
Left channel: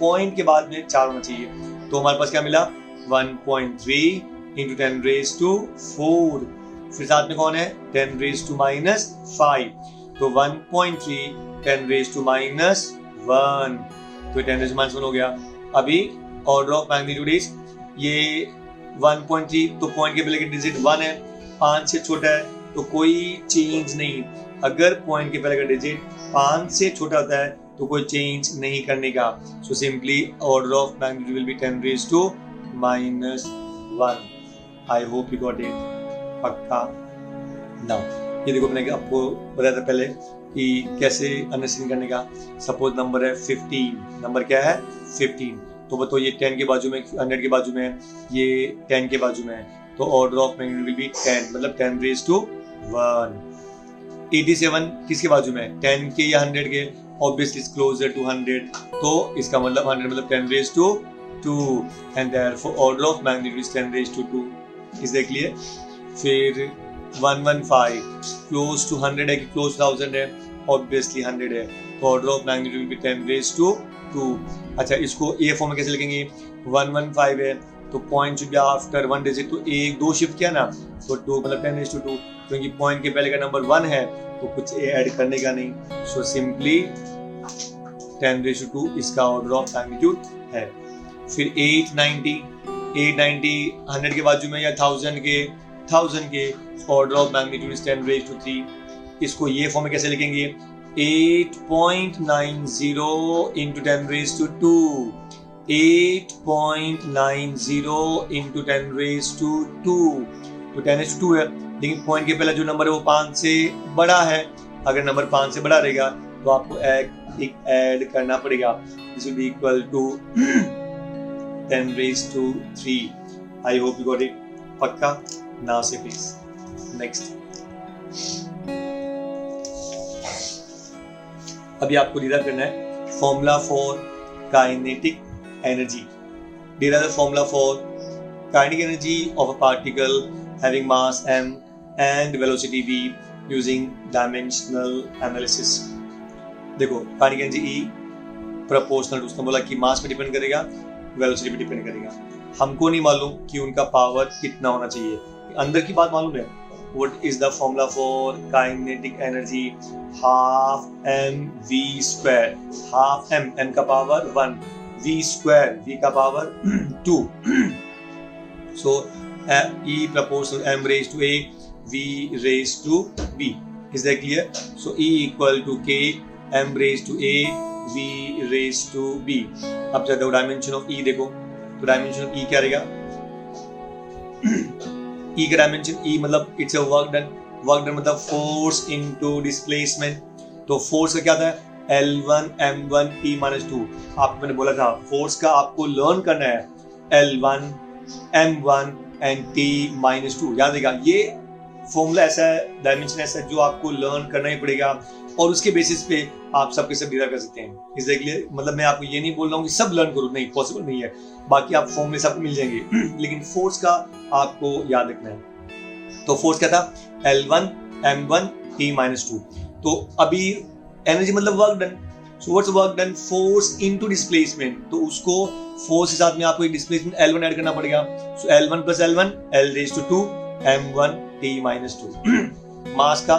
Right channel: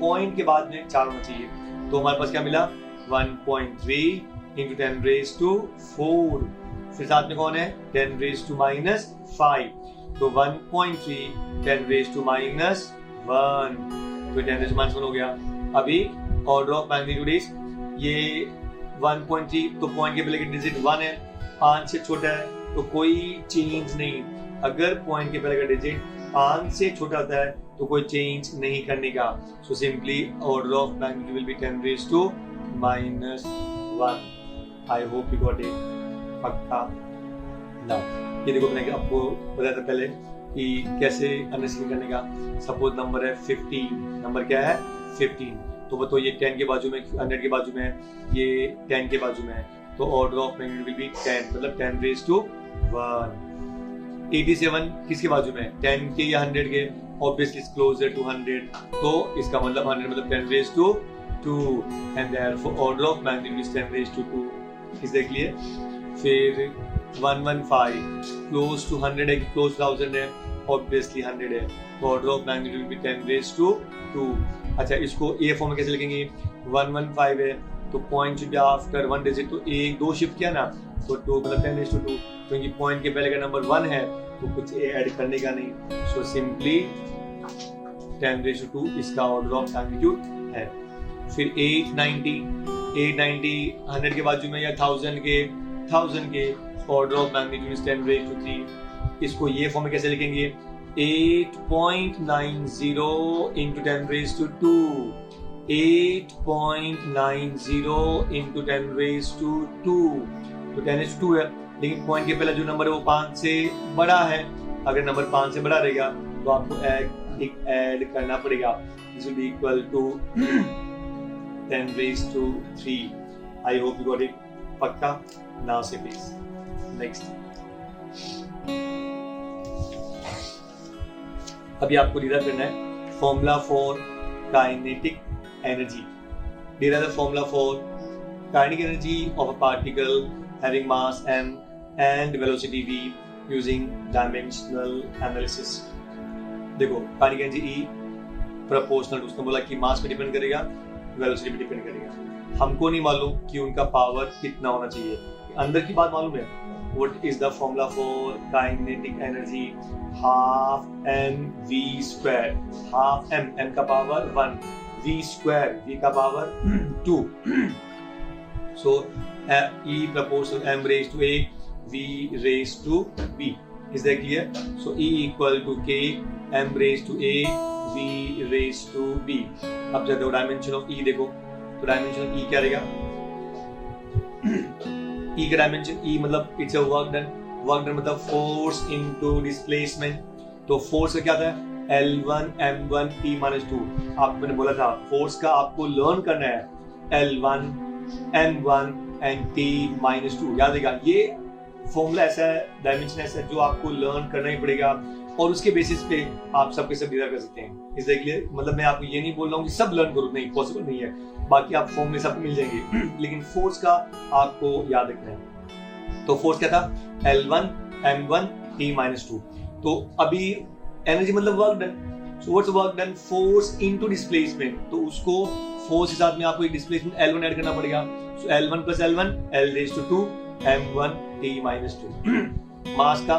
पॉइंट के बाद में 4 होना चाहिए। तो हमारे पास क्या मिला 1.3 into 10⁻⁴। फिर साथ में कौन है 10⁻⁻5, तो 1.3 10⁻⁻1, तो 10⁻⁻1 हो गया। अभी ऑर्डर ऑफ मैग्नीट्यूड इज ये 1.3, तो पॉइंट के पहले की डिजिट 1 है, 5 से छोटा है तो कोई चेंज नहीं। अगर पॉइंट के पहले का डिजिट 5 से छोटा होता है तो कोई चेंज नहीं करने का। So simply order of magnitude will B 10⁻⁻1। I hope you got it. पक्का ना। ये देखो मैंने आपको बताया था पहले कि कैसे अंडरस्टैंड करने का। सपोज नंबर है 15, नंबर क्या है 15, तो बताओ ये 10 के बाजू में 100 के बाजू में है, ये 10 के बाजू में है, तो order of magnitude will B 10, मतलब 10⁻1। 87 किसके बाजू में है 10 के या 100 के, ऑब्वियसली इट्स क्लोजर टू 100, तो इसका मतलब 100 मतलब 10⁻2 and therefore order of magnitude is 10⁻2। Is that clear? फिर 115 क्लोज टू 100 है कि क्लोज 1000 है, ऑब्वियसली 100 है, तो order of magnitude will B 10⁻2। अच्छा इसको ए फॉर्म में कैसे लिखेंगे 115 है तो point should be after 1 digit, तो एक 2 शिफ्ट किया ना तो 2 मतलब 10⁻2, क्योंकि पॉइंट के पहले का नंबर 1 है तो कुछ ऐड करने का नहीं। सो सिंपली 10⁻2 इसका ऑर्डर ऑफ मैग्नीट्यूड है। फिर 890 100 के बाजू में या 1000 के ऑर्डर ऑफ मैग्नीट्यूड इज 10⁻3। इसको ये फॉर्म में कैसे लिखेंगे 8.90 into 10⁻2, 8.90 into 10⁻2, तो 10⁻2 है, लेकिन पॉइंट के पहले जो नंबर है वो 5 से बड़ा है। अगर नंबर 5 से बड़ा रहेगा तो आपको एक ऐड करना पड़ेगा, this will be equal to 10⁻3। I hope you got it. पक्का नाउ से प्लीज नेक्स्ट। अभी आपको डिराइव करना है formula for kinetic energy. Derive the formula for kinetic energy of a particle having mass m and velocity v using dimensional analysis। देखो kinetic energy E proportional to, उसने बोला कि मास पे depend करेगा, वेलोसिटी पे डिपेंड करेगा। हमको नहीं मालूम कि उनका पावर कितना होना चाहिए, अंदर की बात मालूम है। What is the formula for kinetic energy? Half mv², half m का पावर 1, v² v का power 2। So E proportional m raised to a, v raised to b. Is that clear? So E equal to k, m raised to a, v raised to b। अब जब dimension of E देखो तो dimension of E क्या रहेगा E का dimension E मतलब it's a work done मतलब force into displacement. तो फोर्स का क्या था L1 m1 T-2। आपको मैंने बोला था फोर्स का आपको लर्न करना है L1 m1 एंड T-2। याद रहेगा ये फॉर्मूला ऐसा है, डायमेंशन ऐसा है जो आपको लर्न करना ही पड़ेगा। और उसके बेसिस पे आप सबके सब डिराइव कर सकते हैं। Is that clear? मतलब मैं आपको ये नहीं बोल रहा हूँ कि सब लर्न करो, नहीं, पॉसिबल नहीं है। बाकी आप फॉर्मूले सबको मिल जाएंगे लेकिन फोर्स का आपको याद रखना है। तो फोर्स क्या था? L1 m1 t-2। तो अभी एनर्जी मतलब work done. So what's work done? Force into displacement. तो उसको फोर्स के साथ में आपको एक डिस्प्लेसमेंट L1 ऐड करना पड़ेगा। सो L1 + L1 L⁻², m1 t-2 मास का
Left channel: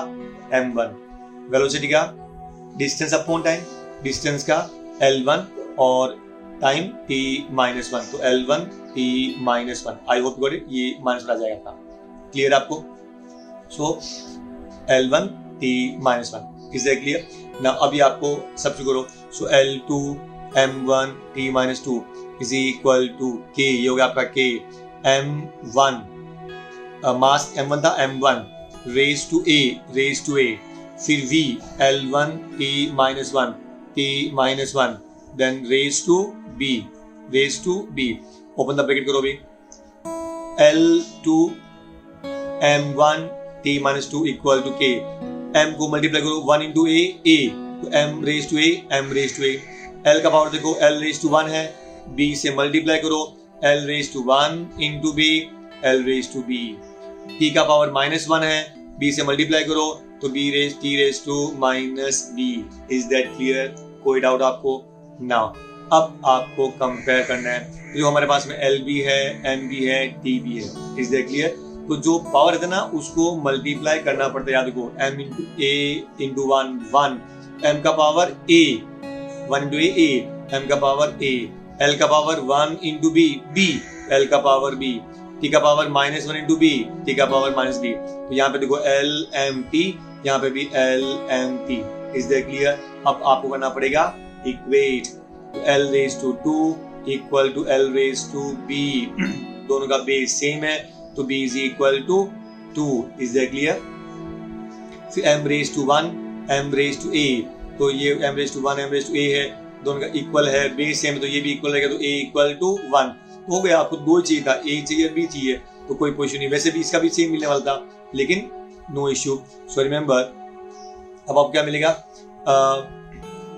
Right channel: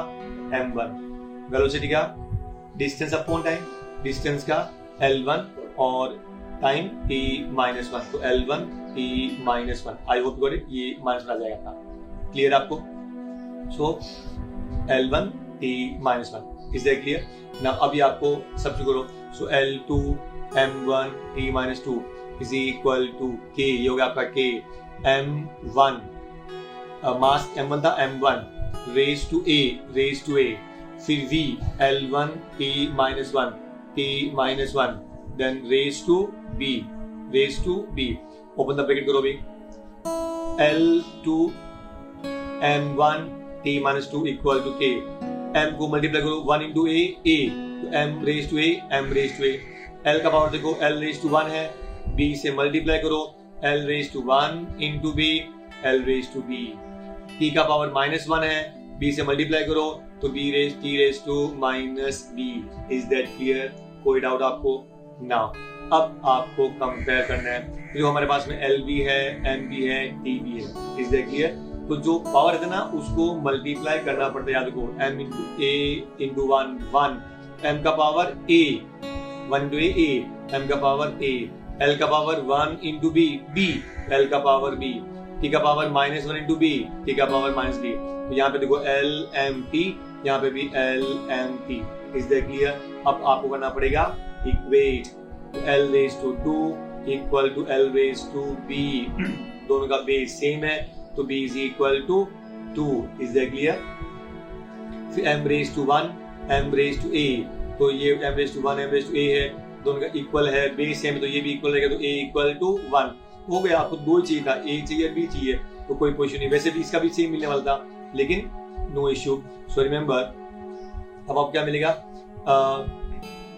m1, वेलोसिटी का डिस्टेंस अपॉन टाइम, डिस्टेंस का L1 और टाइम t-1, तो L1 t-1। I hope got it, ये माइनस आ जाएगा आपका। क्लियर आपको? So L1 t-1, is that clear? ना अभी आपको सब्स्टिट्यूट करो। So L2 m1 t-2 is equal to k, ये हो गया आपका k, m1 मास m1 था, m1 रेज टू a, फिर v L1 t-1 then raise to b, open the bracket करो भी, L2 m1 t-2 equal to k, m को multiply करो 1 इंटू a, तो m raise to a, l का power देखो l⁻1 है, b से मल्टीप्लाई करो l⁻1 into b, l⁻b, t का पावर -1 है, b से मल्टीप्लाई करो तो b t⁻⁻b। Is that clear? कोई डाउट आपको? नाउ अब आपको कंपेयर करना है। जो हमारे पास में L भी है, M भी है, T भी है। Is that clear? तो जो पावर है ना उसको मल्टीप्लाई करना पड़ता है। याद रखो m into a into 1, m का power a, 1 into a, m का पावर a, l का पावर 1 इंटू b, l का पावर b, t का पावर -1 इंटू b, t का पावर -b। तो यहाँ पे देखो LMT, यहाँ पे भी LMT। Is that clear? अब आपको करना पड़ेगा equate. L⁻2 equal to L⁻b, दोनों का बेस सेम है तो b is equal to 2। Is that clear? फिर m⁻1 m⁻a, तो ये m⁻1 m⁻a है, दोनों का इक्वल है, बेस सेम, तो ये भी इक्वल रहेगा, तो a इक्वल टू 1 हो गया। आपको 2 चाहिए था, a चाहिए b चाहिए, तो कोई क्वेश्चन नहीं। वैसे भी इसका भी सेम मिलने वाला था लेकिन नो इश्यू। सो रिमेंबर, अब आपको क्या मिलेगा?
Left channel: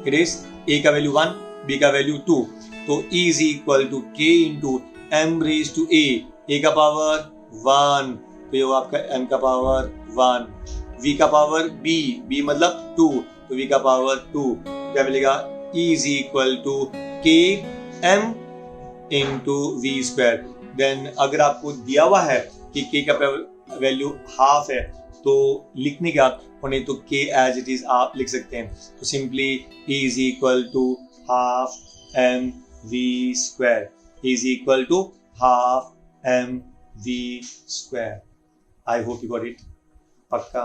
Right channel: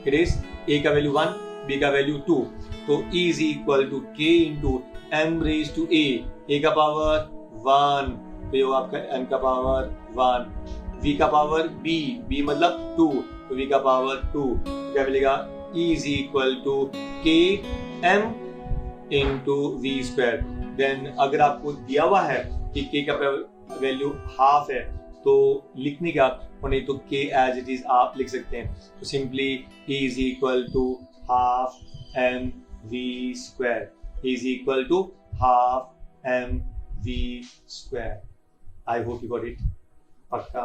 इट इज a का वैल्यू 1, b का वैल्यू 2, तो e is equal to k into m⁻a, a का पावर 1, तो ये आपका m का पावर 1, v का पावर b मतलब 2, तो v का पावर 2, क्या मिलेगा? e is equal to k m into v²। Then अगर आपको दिया हुआ है कि k का वैल्यू हाफ है तो लिखने का, और नहीं तो k एज इट इज आप लिख सकते हैं। तो simply e is equal to half mv², is equal to half mv²। I hope you got it. पक्का?